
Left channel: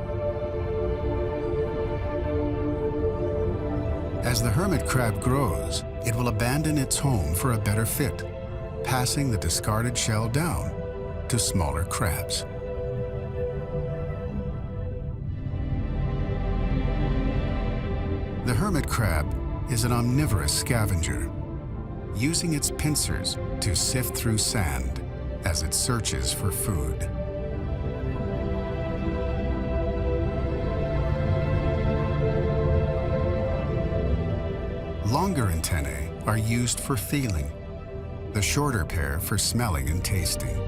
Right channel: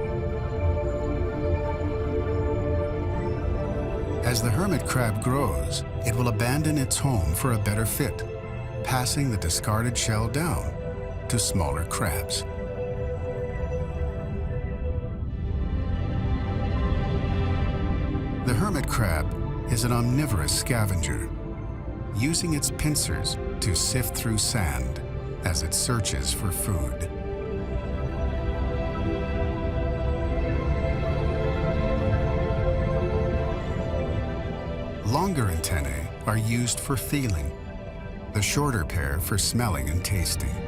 As the hermit crab grows, it will abandon its home for a better fit, passing the discarded shell down to smaller crabs. The hermit crab is an omnivorous scavenger, using its pincers to sift through sand as it searches for food. Longer antennae are used for feeling, the shorter pair for smelling and tasting.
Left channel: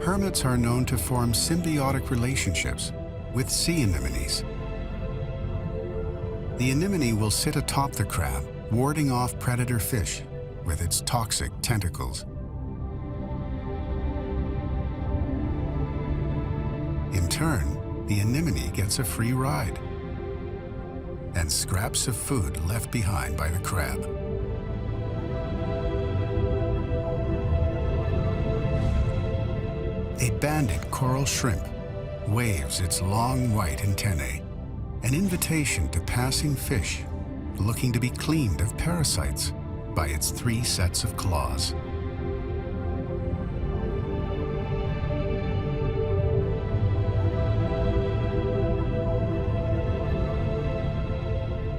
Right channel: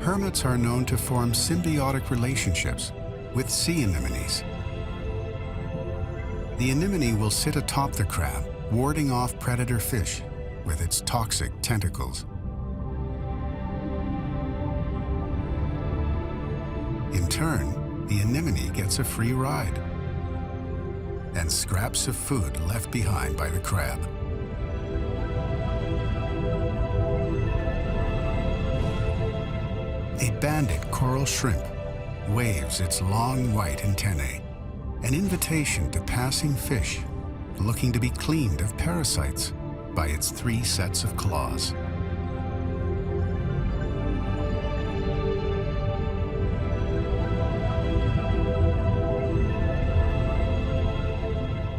Hermits are known to form symbiotic relationships with sea anemones. The anemone will sit atop the crab, warding off predator fish with its toxic tentacles. In turn, the anemone gets a free ride and scraps of food left behind by the crab. A banded coral shrimp waves its long white antennae, an invitation to passing fish looking to be cleaned of parasites by its 3 sets of claws.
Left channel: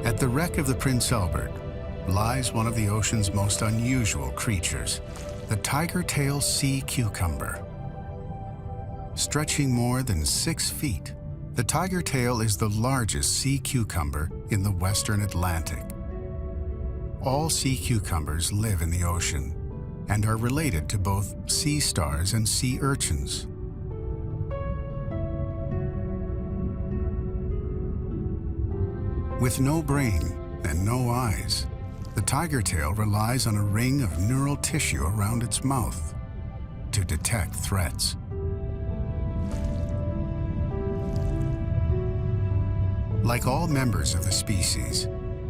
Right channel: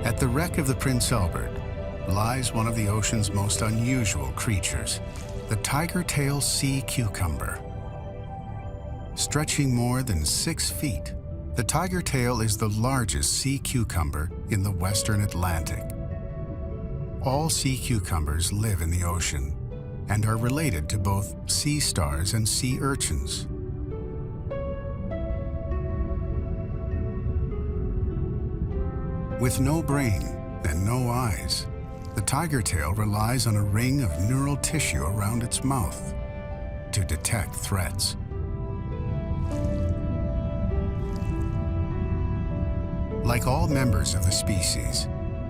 At the wreck of the Prince Albert lies one of the ocean's most unusual creatures, the tiger-tail sea cucumber. Stretching more than 6 feet, the tiger tail is the largest sea cucumber in the western Atlantic. All sea cucumbers live in the ocean and are related to both sea stars and sea urchins. With no brain and no eyes, the tiger tail relies on a ring of neural tissue around its mouth to detect threats. Like all members of the species,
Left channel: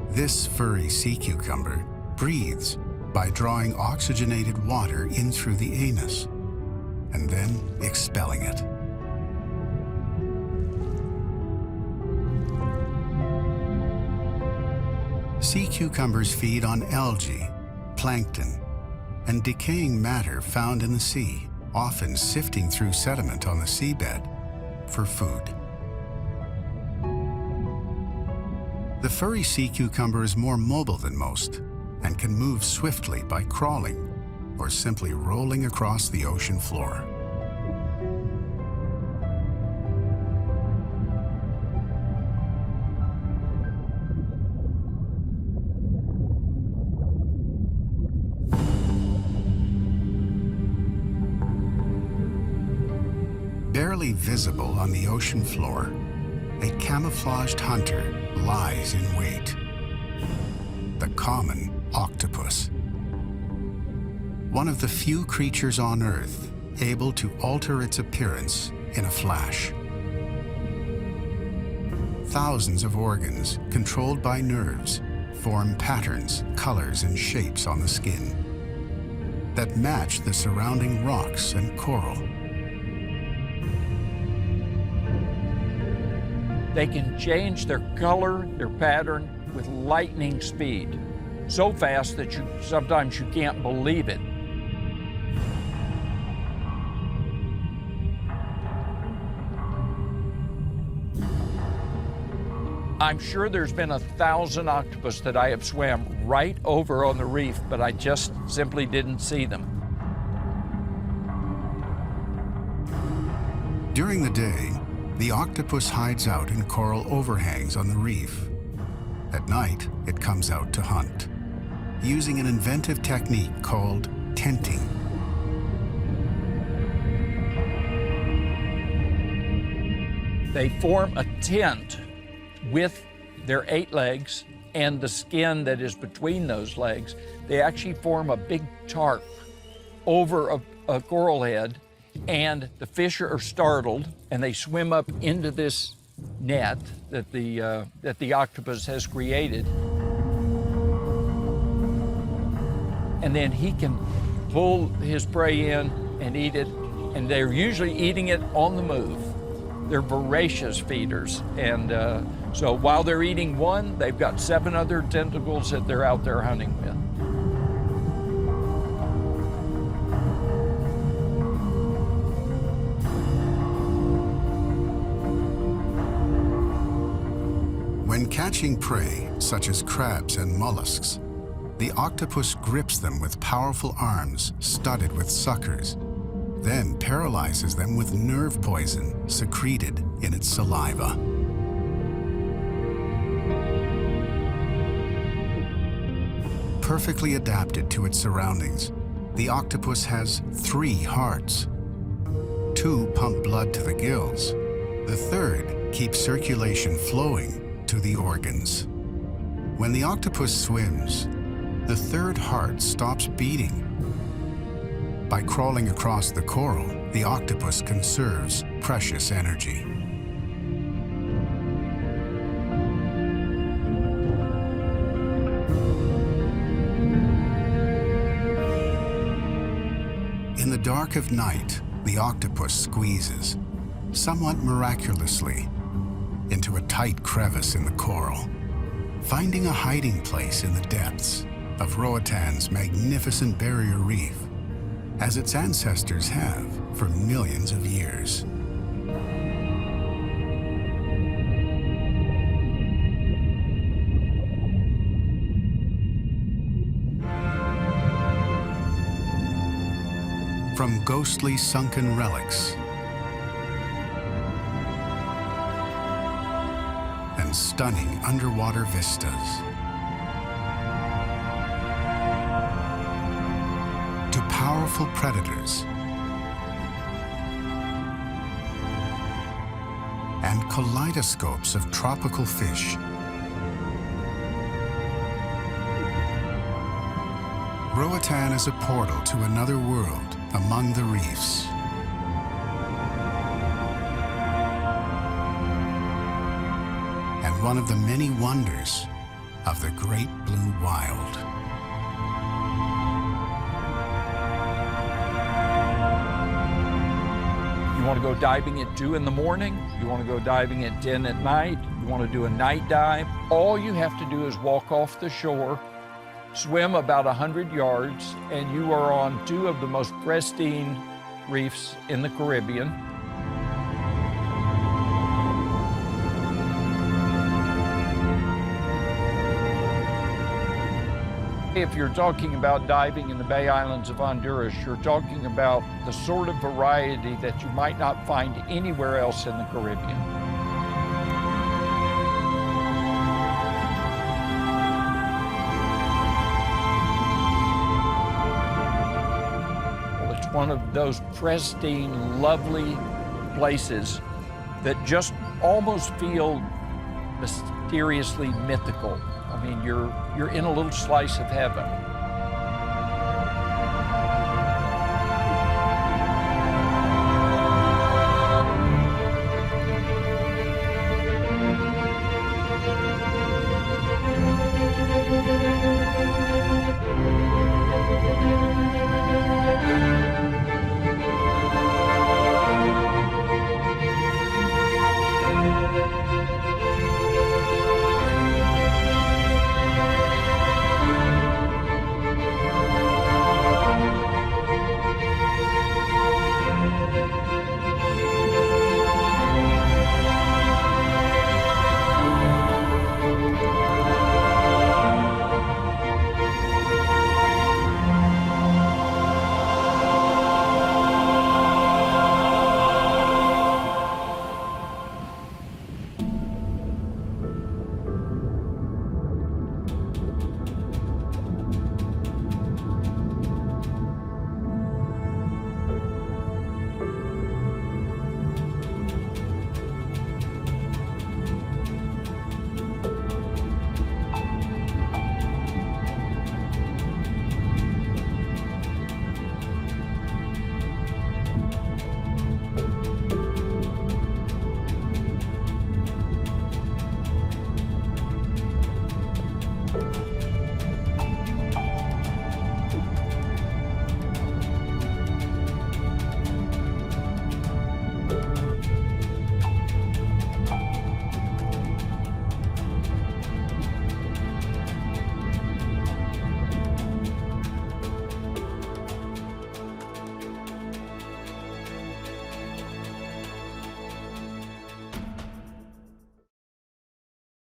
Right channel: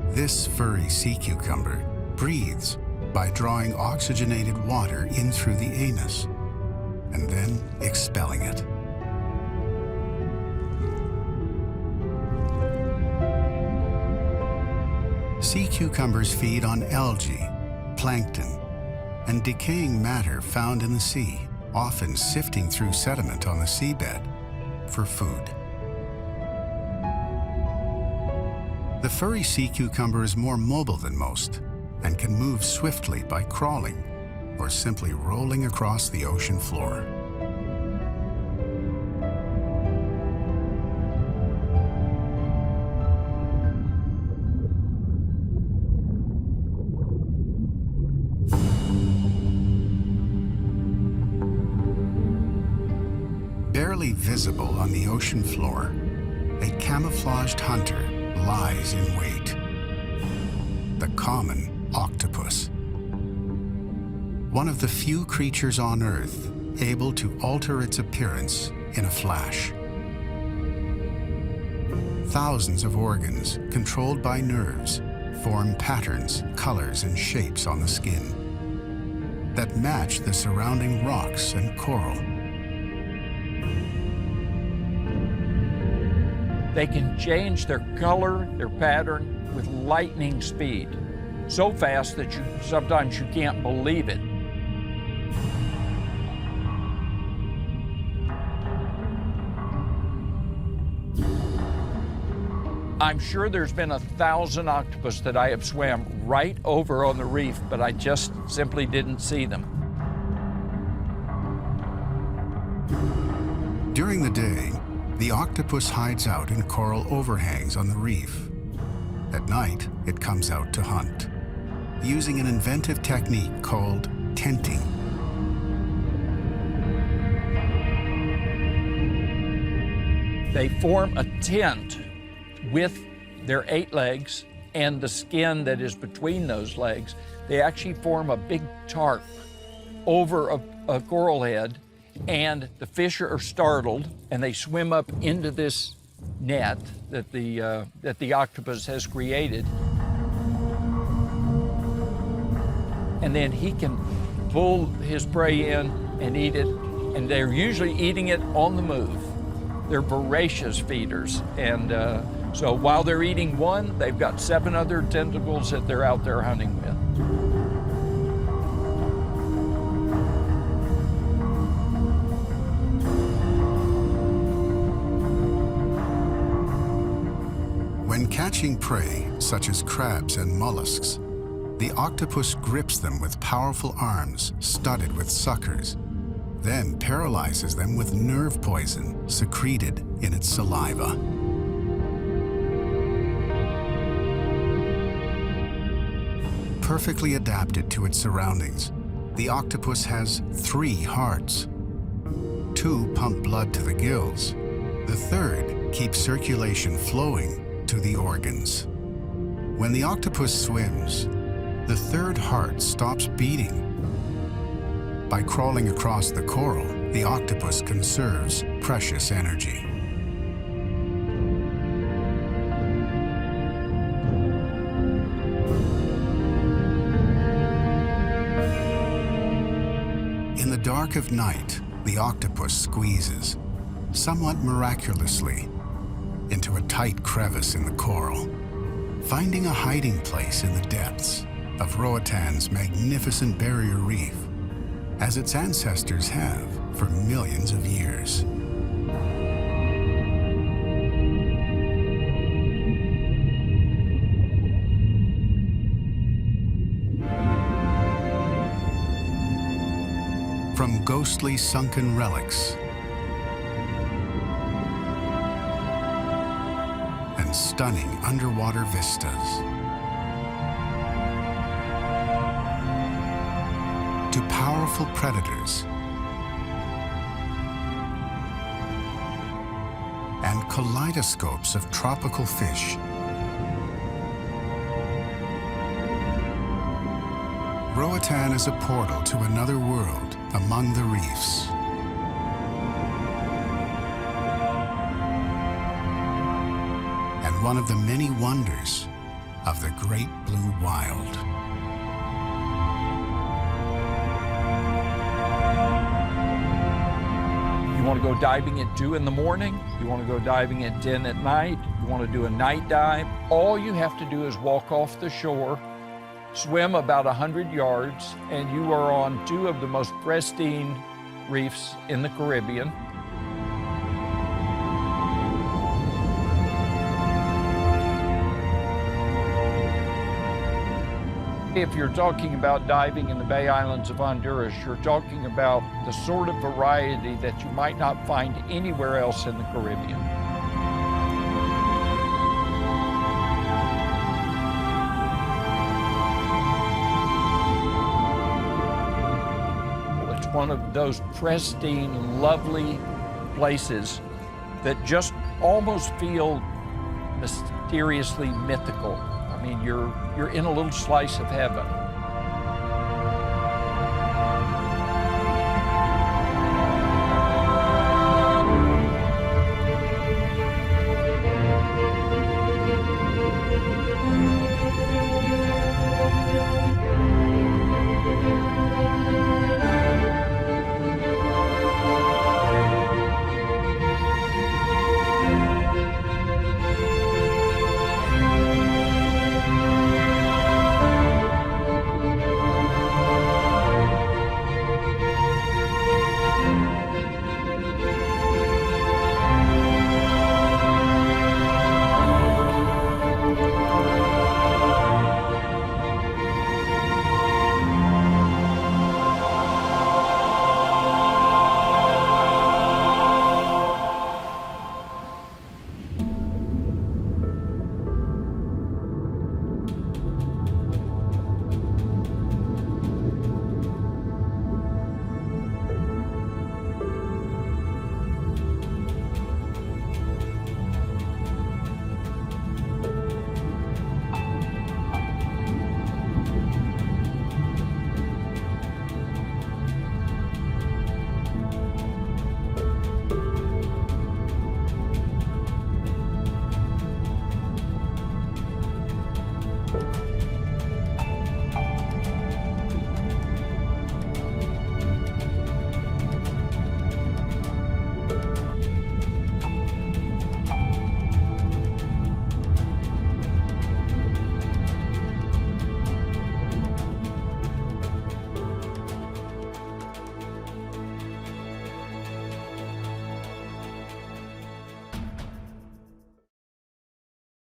this furry sea cucumber breathes by drawing oxygenated water in through the anus and then expelling it. Sea cucumbers feed on algae, plankton, and decaying matter found in the sea, often sifting through sediment on the seabed for food. The furry sea cucumber is more mobile than most and can move swiftly by crawling or simply rolling across the ocean floor. Barely visible on the ocean floor, a camouflaged hunter lies in wait. The common octopus. One of the few creatures on Earth able to alter its appearance in a flash. Thousands of organs, controlled by nerves, form patterns, colors, and shapes on the skin that match the surrounding rocks and coral. They can change their color, their pattern with lightning speed. so fast that sometimes you can't believe it. I'm sure there's been 1,000 octopus that I have swam right over on the reef, but I just simply didn't see them. During the day, the octopus hides out in coral overhangs on the reef. At night, it comes out to hunt, using an inventive technique called tenting. They form a tent with their 8 legs and the skin that is between those legs. They actually form a big tarp over a coral head, and the fish are startled and they swim up into this net that the octopus has created. And then he can pull his prey in and eat it, and they're usually eating it on the move. They're voracious feeders, and so while they're eating one, they've got 7 other tentacles that they're out there hunting with. When catching prey, such as crabs and mollusks, the octopus grips them with powerful arms studded with suckers, then paralyzes them with nerve poison secreted in its saliva. Perfectly adapted to its surroundings, the octopus has 3 hearts. 2 pump blood to the gills. The 3rd keeps circulation flowing to the organs. When the octopus swims, the 3rd heart stops beating. By crawling across the coral, the octopus conserves precious energy. In the dark of night, the octopus squeezes, somewhat miraculously, into a tight crevice in the coral, finding a hiding place in the depths of Roatan's magnificent barrier reef, as its ancestors have for millions of years. From ghostly sunken relics and stunning underwater vistas to powerful predators and kaleidoscopes of tropical fish, Roatan is a portal to another world among the reefs. And one of the many wonders of the Great Blue Wild. You want to go diving at 2 in the morning, you want to go diving at 10 at night, you want to do a night dive, all you have to do is walk off the shore, swim about 100 yards, and you are on 2 of the most pristine reefs in the Caribbean. If you're talking about diving in the Bay Islands of Honduras, you're talking about the sort of variety that you might not find anywhere else in the Caribbean. Well, it's one of those pristine, lovely places that just almost feel mysteriously mythical. I mean, you're in a little slice of heaven.